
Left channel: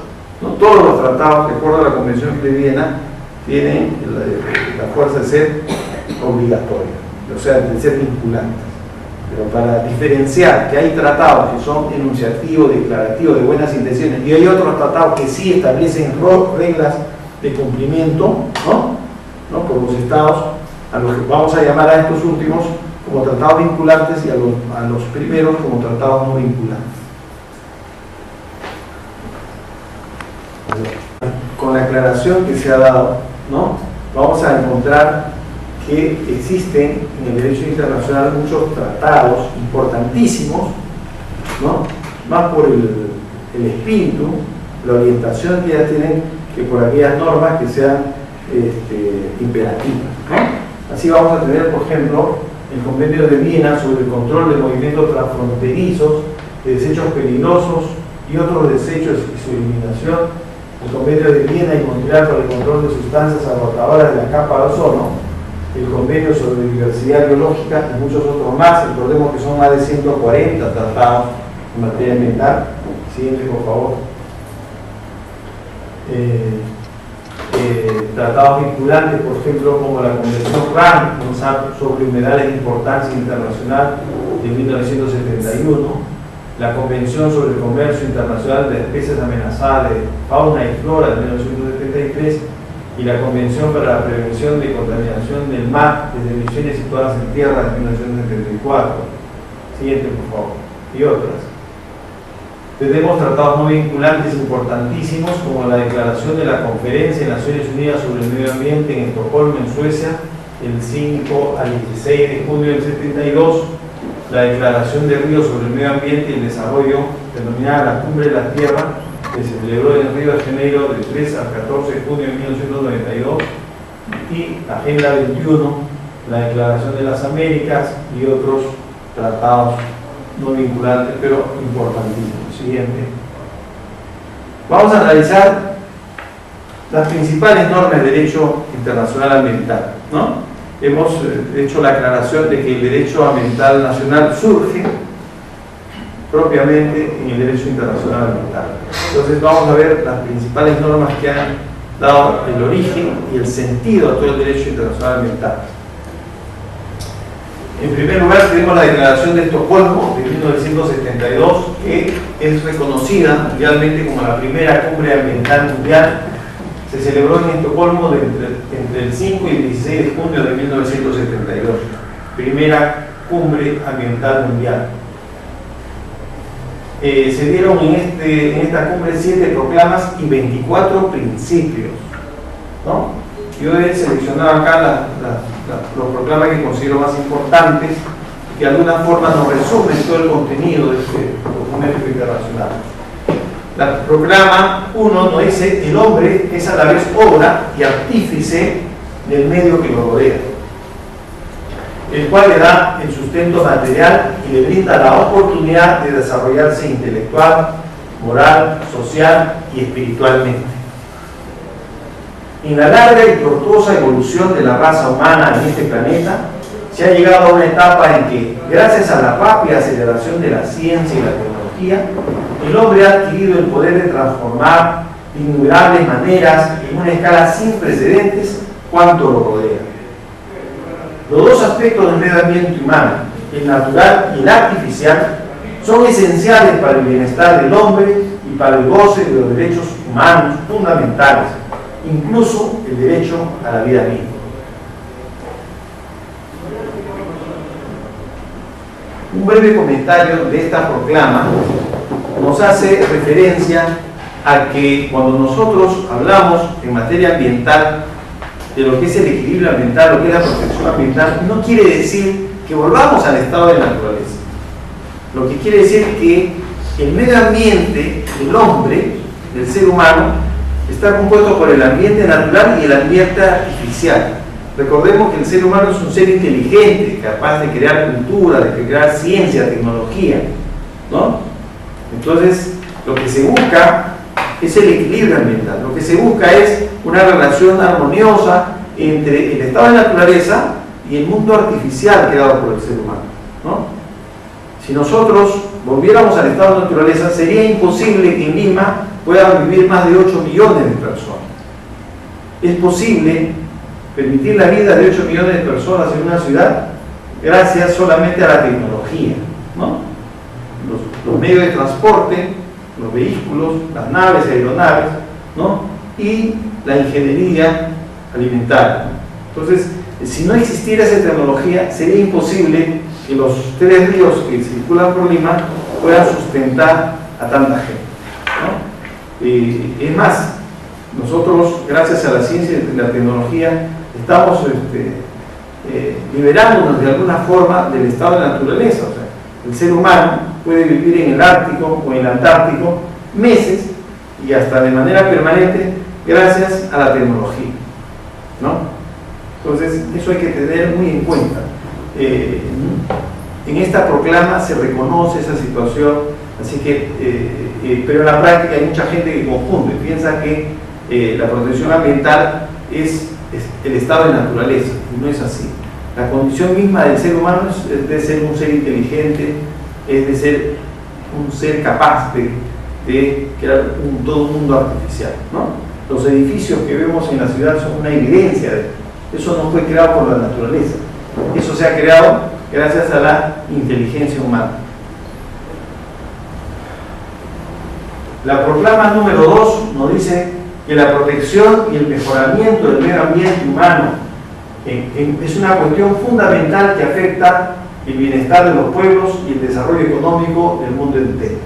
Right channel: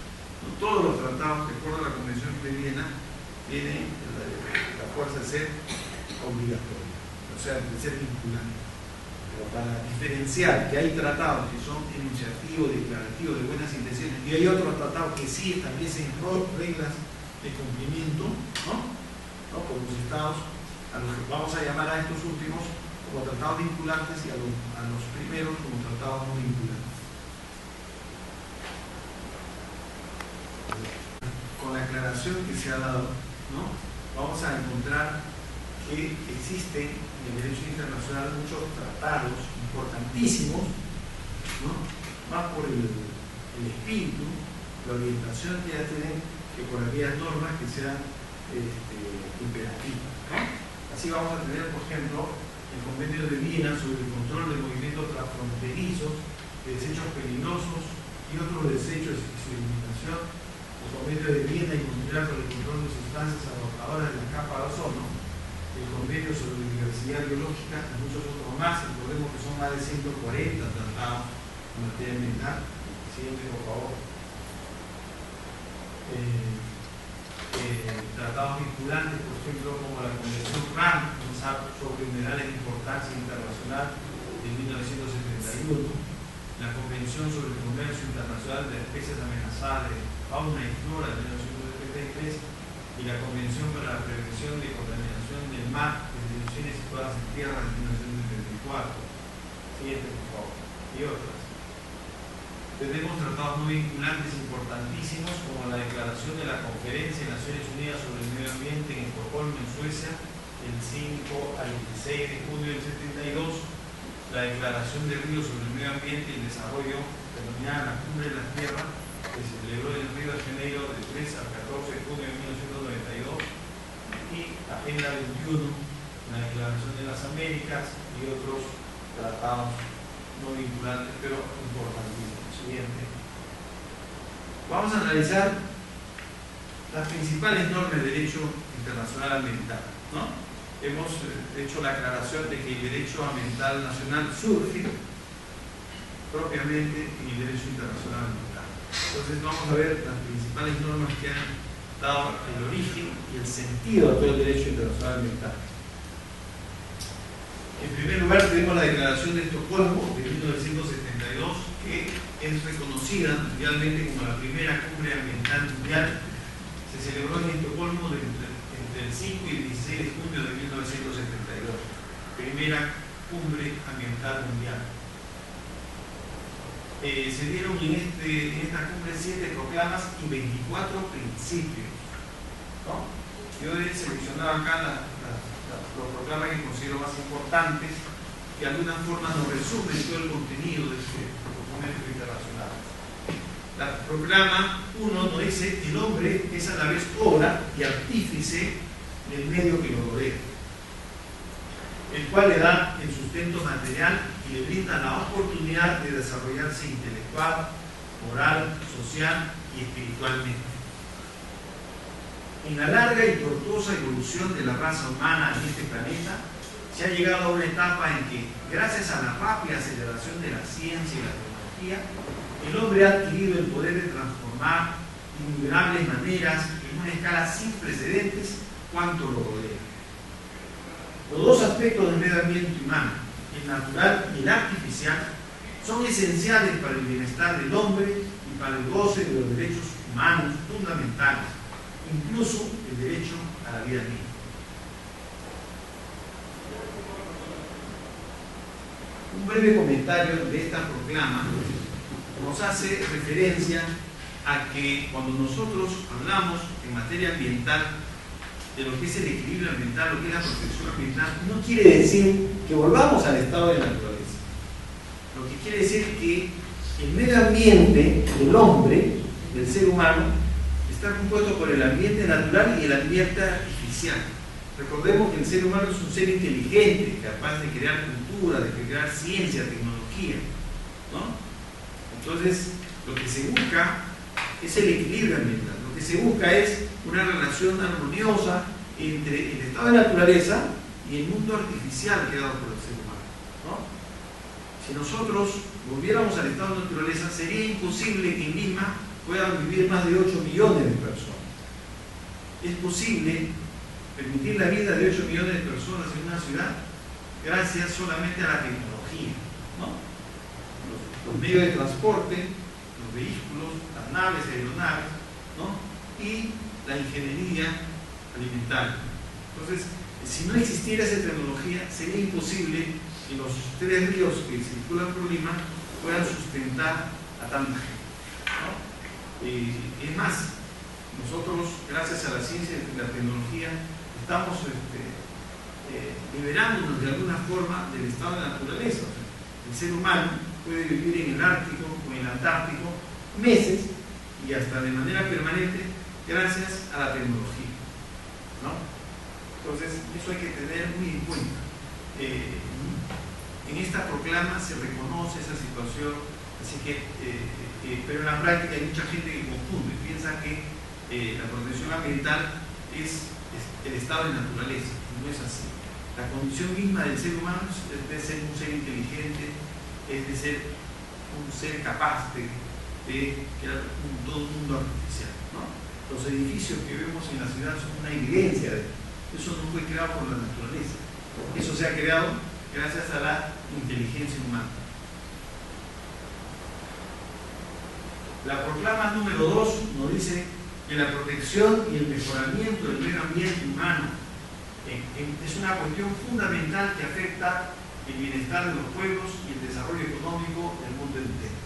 no todos los tratados, de acuerdo a la Convención de Viena, tienen la fuerza de ser obligatoria, o sea, de ser vinculantes. Pero para diferenciar que hay tratados que son enunciativos, declarativos, de buenas intenciones, y hay otros tratados que sí establecen reglas de cumplimiento, ¿no? Por los estados, a los que vamos a llamar a estos últimos como tratados vinculantes y a los primeros como tratados no vinculantes. Con la aclaración que se ha dado, ¿no? Vamos a encontrar que existen en el derecho internacional muchos tratados importantísimos, ¿no? Más por el espíritu, la orientación que ya tienen, que por aquellas normas que sean imperativas, ¿no? Así vamos a tener, por ejemplo, el Convenio de Viena sobre el control de movimientos transfronterizos, de desechos peligrosos y otros desechos y su eliminación, el Convenio de Viena y Montreal para el control de sustancias agotadoras de la capa de ozono, el Convenio sobre diversidad biológica y muchos otros más. Recordemos que son más de 140 tratados en materia ambiental. Siguiente, por favor. Tratados vinculantes, por ejemplo, como la Convención RAN sobre humedales de importancia internacional de 1971, la Convención sobre el Comercio Internacional de Especies Amenazadas de Fauna y Flora de 1973 y la Convención para la Prevención de Contaminación del Mar desde emisiones situadas en tierra de 1974. Siguiente, por favor. Y otras. Tenemos tratados no vinculantes importantísimos como la Declaración de la Conferencia de Naciones Unidas sobre el Medio Ambiente en Estocolmo, en Suecia, el 5 al 16 de junio del 72, la Declaración de Río sobre el Medio Ambiente y el Desarrollo, denominada la Cumbre de la Tierra, que se celebró en Río de Janeiro del 3 al 14 de junio de 1992, y Agenda 21, la Declaración de las Américas y otros tratados no vinculantes, pero importantísimos. Siguiente. Vamos a analizar las principales normas de derecho internacional ambiental, ¿no? Hemos hecho la aclaración de que el derecho ambiental nacional surge propiamente en el derecho internacional ambiental. Entonces vamos a ver las principales normas que han dado el origen y el sentido a todo el derecho internacional ambiental. En primer lugar tenemos la Declaración de Estocolmo de 1972, que es reconocida mundialmente como la primera cumbre ambiental mundial. Se celebró en Estocolmo entre el 5 y el 16 de junio de 1972. Primera cumbre ambiental mundial. Se dieron en esta cumbre 7 proclamas y 24 principios, ¿no? Yo he seleccionado acá los proclamas que considero más importantes, que de alguna forma nos resumen todo el contenido de este documento internacional. La proclama 1 nos dice: el hombre es a la vez obra y artífice del medio que lo rodea, el cual le da el sustento material y le brinda la oportunidad de desarrollarse intelectual, moral, social y espiritualmente. En la larga y tortuosa evolución de la raza humana en este planeta, se ha llegado a una etapa en que, gracias a la rápida aceleración de la ciencia y la tecnología, el hombre ha adquirido el poder de transformar de innumerables maneras, en una escala sin precedentes, cuanto lo rodea. Los dos aspectos del medio ambiente humano, el natural y el artificial, son esenciales para el bienestar del hombre y para el goce de los derechos humanos fundamentales, incluso el derecho a la vida misma. Un breve comentario de esta proclama nos hace referencia a que cuando nosotros hablamos en materia ambiental de lo que es el equilibrio ambiental, lo que es la protección ambiental, no quiere decir que volvamos al estado de la naturaleza. Lo que quiere decir es que el medio ambiente del hombre, del ser humano, está compuesto por el ambiente natural y el ambiente artificial. Recordemos que el ser humano es un ser inteligente, capaz de crear cultura, de crear ciencia, tecnología, ¿no? Entonces, lo que se busca es el equilibrio ambiental. Lo que se busca es una relación armoniosa entre el estado de naturaleza y el mundo artificial creado por el ser humano, ¿no? Si nosotros volviéramos al estado de naturaleza, sería imposible que en Lima puedan vivir más de 8 millones de personas. Es posible permitir la vida de 8 millones de personas en una ciudad gracias solamente a la tecnología, ¿no? Los medios de transporte, los vehículos, las naves, aeronaves, ¿no? Y la ingeniería alimentaria. Entonces, si no existiera esa tecnología, sería imposible que los 3 ríos que circulan por Lima puedan sustentar a tanta gente, ¿no? Es más, nosotros, gracias a la ciencia y la tecnología, estamos liberándonos de alguna forma del estado de la naturaleza. O sea, el ser humano puede vivir en el Ártico o en el Antártico meses y hasta de manera permanente gracias a la tecnología, ¿no? Entonces, eso hay que tener muy en cuenta. En esta proclama se reconoce esa situación, así que, pero en la práctica hay mucha gente que confunde, piensa que la protección ambiental es el estado de naturaleza, y no es así. La condición misma del ser humano es de ser un ser inteligente, es de ser un ser capaz de crear todo un mundo artificial, ¿no? Los edificios que vemos en la ciudad son una evidencia de eso. No fue creado por la naturaleza, eso se ha creado gracias a la inteligencia humana. La proclama número 2 nos dice que la protección y el mejoramiento del medio ambiente humano es una cuestión fundamental que afecta el bienestar de los pueblos y el desarrollo económico del mundo entero.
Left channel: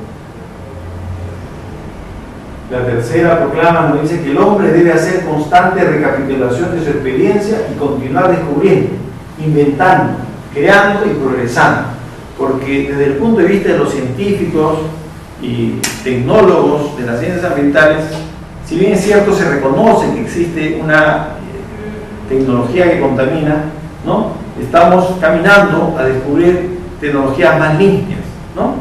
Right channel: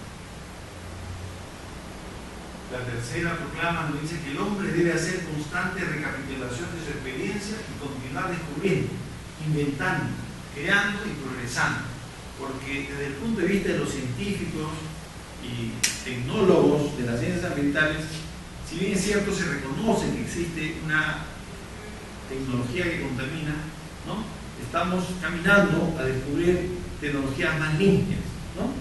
La tercera proclama nos dice que el hombre debe hacer constante recapitulación de su experiencia y continuar descubriendo, inventando, creando y progresando, porque desde el punto de vista de los científicos y tecnólogos de las ciencias ambientales, si bien es cierto, se reconoce que existe una tecnología que contamina, ¿no? Estamos caminando a descubrir tecnologías más limpias, ¿no?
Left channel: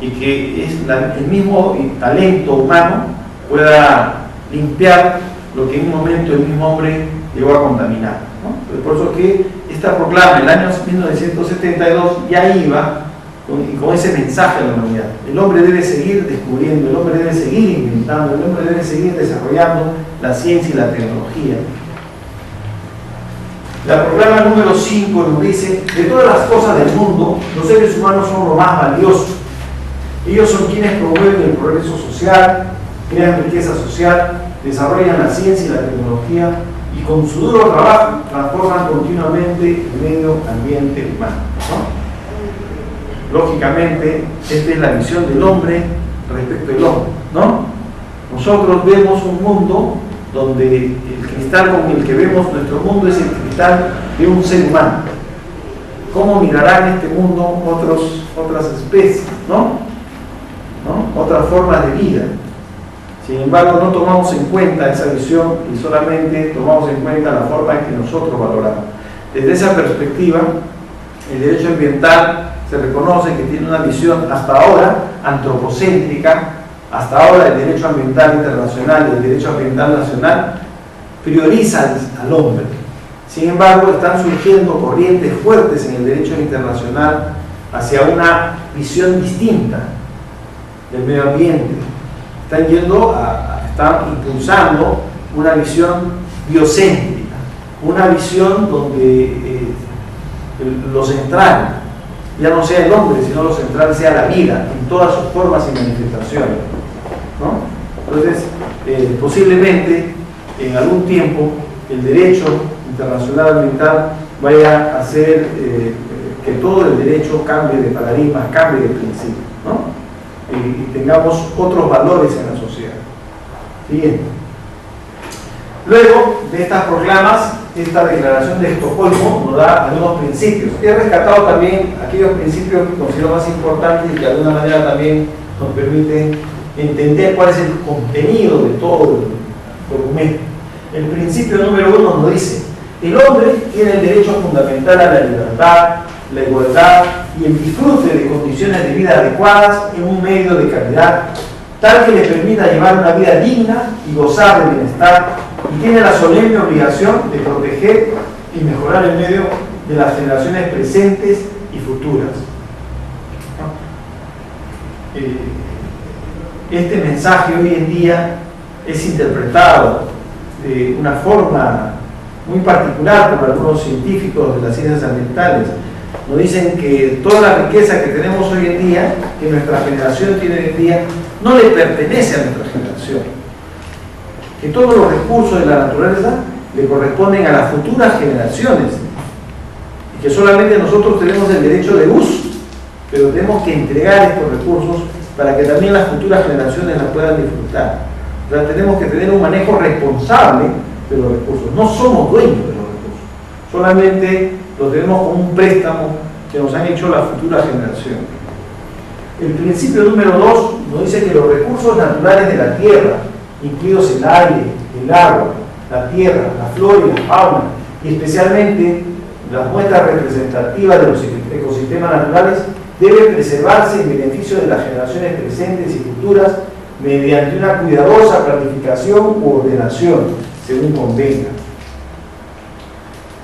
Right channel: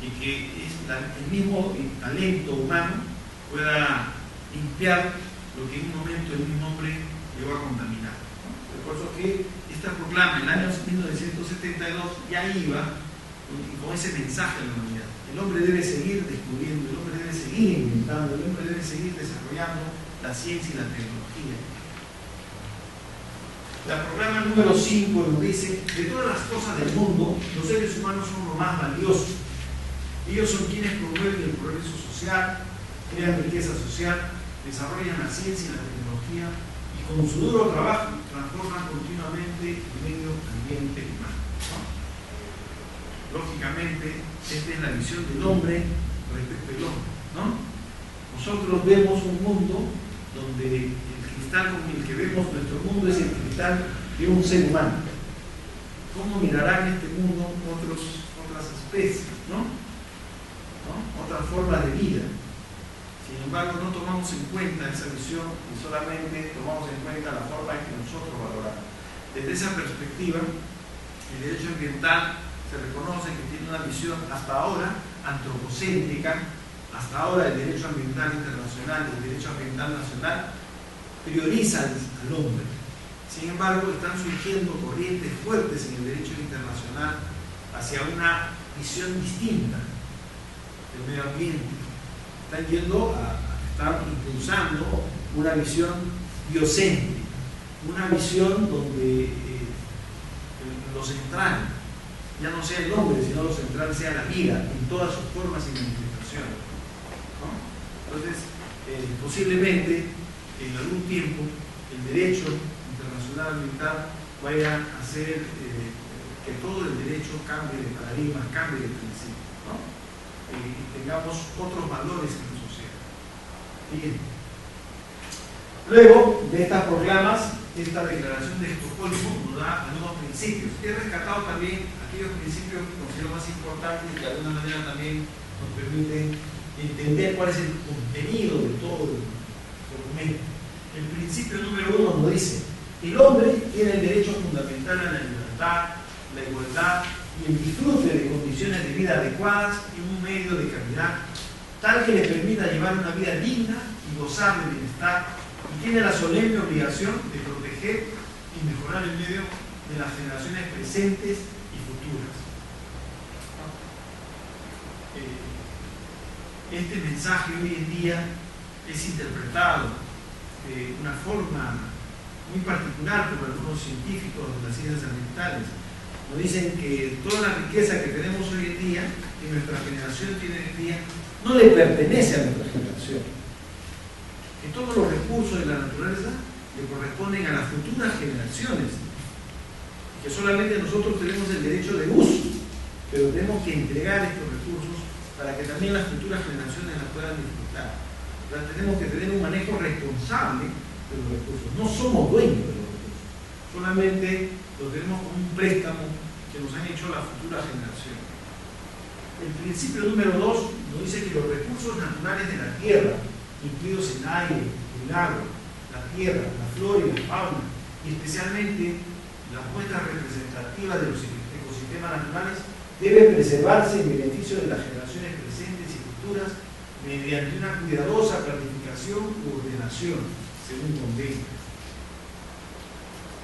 Y que el mismo talento humano pueda limpiar lo que en un momento el mismo hombre llegó a contaminar, ¿no? Por eso que esta proclama en el año 1972 ya iba con ese mensaje a la humanidad. El hombre debe seguir descubriendo, el hombre debe seguir inventando, el hombre debe seguir desarrollando la ciencia y la tecnología. La proclama número 5 nos dice: de todas las cosas del mundo, los seres humanos son lo más valioso. Ellos son quienes promueven el progreso social, crean riqueza social, desarrollan la ciencia y la tecnología y con su duro trabajo transforman continuamente el medio ambiente humano, ¿no? Lógicamente, esta es la visión del hombre respecto al hombre, ¿no? Nosotros vemos un mundo donde el cristal con el que vemos nuestro mundo es el cristal de un ser humano. ¿Cómo mirarán este mundo otras especies, ¿no? Otras formas de vida? Sin embargo, no tomamos en cuenta esa visión y solamente tomamos en cuenta la forma en que nosotros valoramos. Desde esa perspectiva, el derecho ambiental se reconoce que tiene una visión hasta ahora antropocéntrica. Hasta ahora el derecho ambiental internacional y el derecho ambiental nacional priorizan al hombre. Sin embargo, están surgiendo corrientes fuertes en el derecho internacional hacia una visión distinta del medio ambiente. Están impulsando una visión biocéntrica, una visión donde lo central ya no sea el hombre, sino lo central sea la vida, en todas sus formas y manifestaciones, ¿no? Entonces, posiblemente, en algún tiempo, el derecho internacional ambiental vaya a hacer que todo el derecho cambie de paradigma, cambie de principio, ¿no? Y tengamos otros valores en la sociedad. Bien. Luego de estas proclamas, esta declaración de Estocolmo nos da algunos principios. He rescatado también aquellos principios que considero más importantes y que de alguna manera también nos permiten entender cuál es el contenido de todo el documento. El principio número 1 nos dice: el hombre tiene el derecho fundamental a la libertad, la igualdad y el disfrute de condiciones de vida adecuadas en un medio de calidad, tal que le permita llevar una vida digna y gozar de bienestar, y tiene la solemne obligación de proteger y mejorar el medio de las generaciones presentes y futuras. Este mensaje hoy en día es interpretado de una forma muy particular por algunos científicos de las ciencias ambientales. Nos dicen que toda la riqueza que tenemos hoy en día, que nuestra generación tiene hoy en día, no le pertenece a nuestra generación. Que todos los recursos de la naturaleza le corresponden a las futuras generaciones. Y que solamente nosotros tenemos el derecho de uso, pero tenemos que entregar estos recursos para que también las futuras generaciones las puedan disfrutar. O sea, tenemos que tener un manejo responsable de los recursos. No somos dueños de los recursos, solamente los tenemos como un préstamo que nos han hecho las futuras generaciones. El principio número 2 nos dice que los recursos naturales de la tierra, incluidos el aire, el agua, la tierra, la flora y la fauna, y especialmente las muestras representativas de los ecosistemas naturales, deben preservarse en beneficio de las generaciones presentes y futuras mediante una cuidadosa planificación u ordenación, según convenga.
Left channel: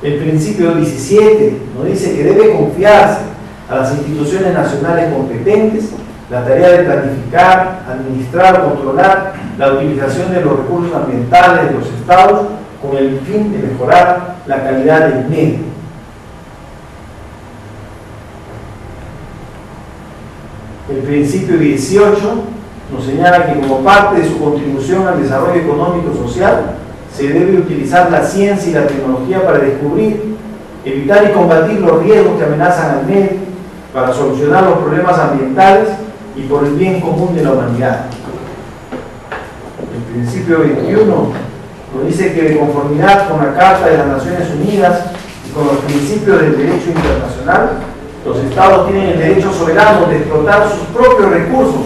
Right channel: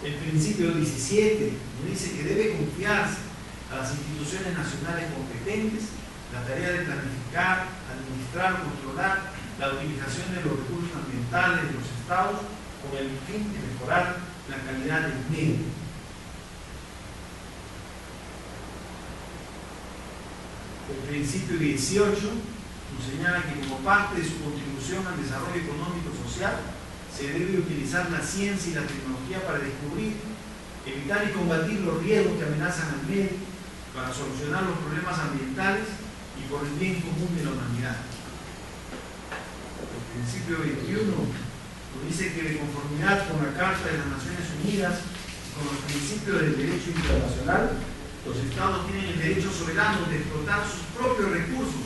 El principio 17 nos dice que debe confiarse a las instituciones nacionales competentes la tarea de planificar, administrar o controlar la utilización de los recursos ambientales de los estados con el fin de mejorar la calidad del medio. El principio 18 nos señala que como parte de su contribución al desarrollo económico y social se debe utilizar la ciencia y la tecnología para descubrir, evitar y combatir los riesgos que amenazan al medio, para solucionar los problemas ambientales y por el bien común de la humanidad. El principio 21 nos dice que de conformidad con la Carta de las Naciones Unidas y con los principios del derecho internacional, los estados tienen el derecho soberano de explotar sus propios recursos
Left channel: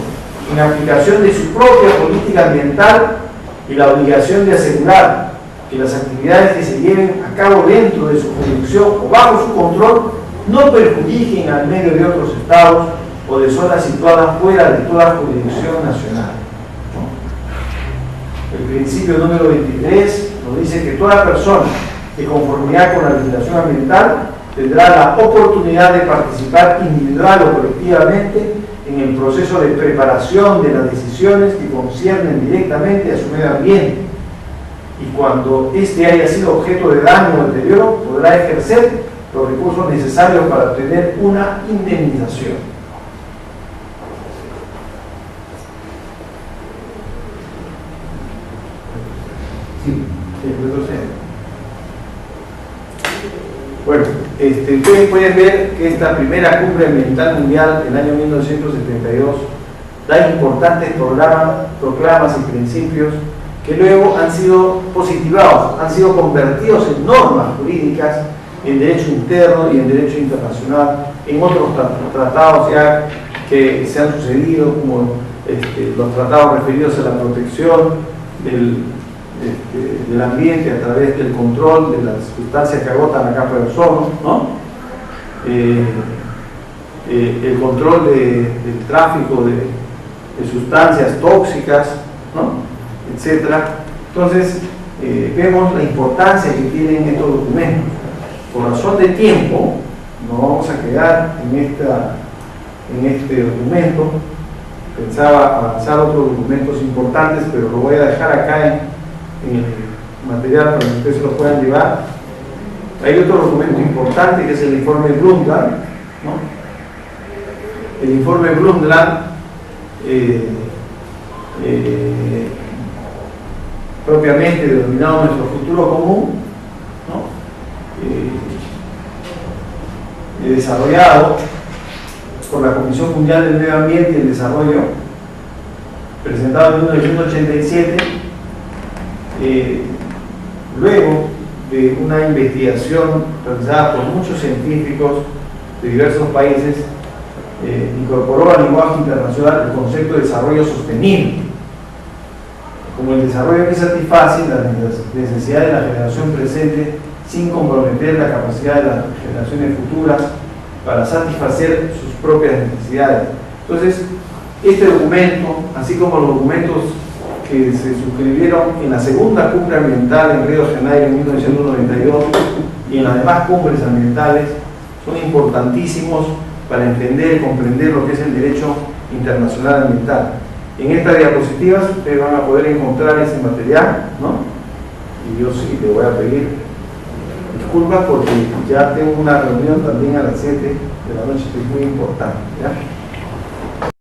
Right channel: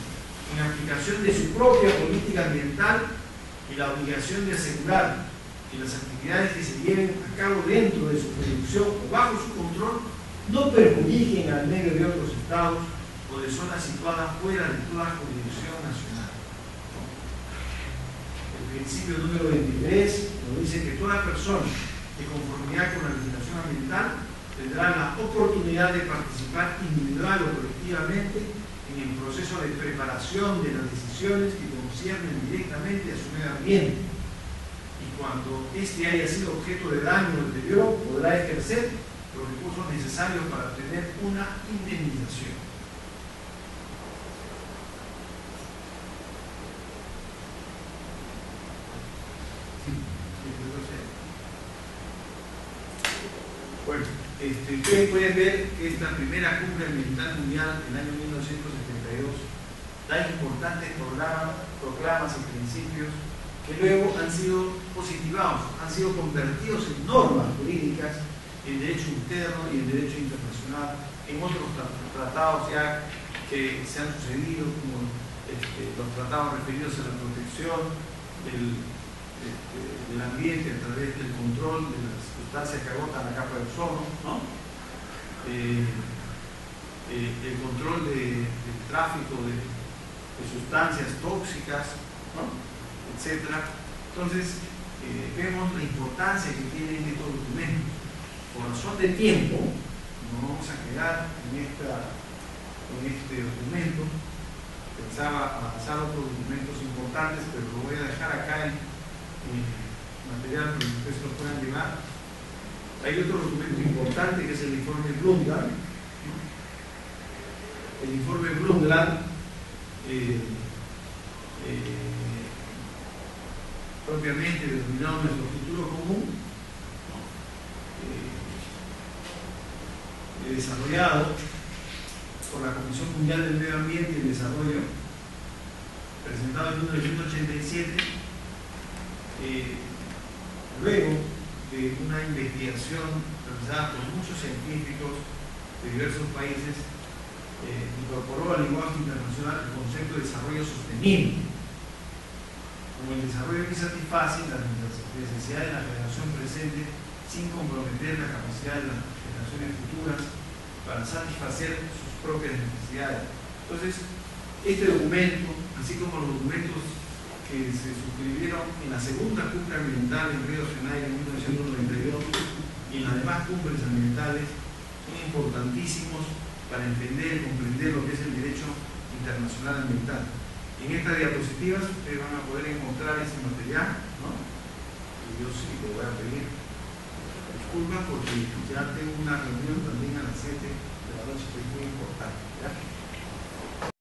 en aplicación de su propia política ambiental y la obligación de asegurar que las actividades que se lleven a cabo dentro de su jurisdicción o bajo su control no perjudiquen al medio de otros estados o de zonas situadas fuera de toda jurisdicción nacional. El principio número 23 nos dice que toda persona, de conformidad con la legislación ambiental, tendrá la oportunidad de participar individual o colectivamente en el proceso de preparación de las decisiones que conciernen directamente a su medio ambiente, y cuando éste haya sido objeto de daño o deterioro, podrá ejercer los recursos necesarios para obtener una indemnización. Bueno, ustedes pueden ver que esta primera cumbre ambiental mundial del año 1972 da importantes proclamas y principios que luego han sido positivados, han sido convertidos en normas jurídicas en derecho interno y en derecho internacional, en otros tratados ya que se han sucedido, como los tratados referidos a la protección del ambiente a través del control de las sustancias que agotan la capa de ozono, ¿no? El control del tráfico de sustancias tóxicas, ¿no? Etcétera. Entonces, vemos la importancia que tienen estos documentos. Por razón de tiempo, nos vamos a quedar en este documento. Pensaba avanzar otros documentos importantes, pero lo voy a dejar acá en el material para que ustedes se lo puedan llevar. Hay otro documento importante que es el informe Brundtland, ¿no? el informe Brundtland, propiamente denominado Nuestro Futuro Común, ¿no? Desarrollado por la Comisión Mundial del Medio Ambiente y el Desarrollo, presentado en 1987, luego de una investigación realizada por muchos científicos de diversos países, incorporó al lenguaje internacional el concepto de desarrollo sostenible como el desarrollo que satisface las necesidades de la generación presente sin comprometer la capacidad de las generaciones futuras para satisfacer sus propias necesidades. Entonces, este documento, así como los documentos que se suscribieron en la segunda cumbre ambiental en Río de Janeiro en 1992 y en las demás cumbres ambientales, son importantísimos para entender y comprender lo que es el derecho internacional ambiental. En estas diapositivas ustedes van a poder encontrar ese material, ¿no? Y yo sí le voy a pedir disculpas porque ya tengo una reunión también a las 7 de la noche que es muy importante, ¿ya?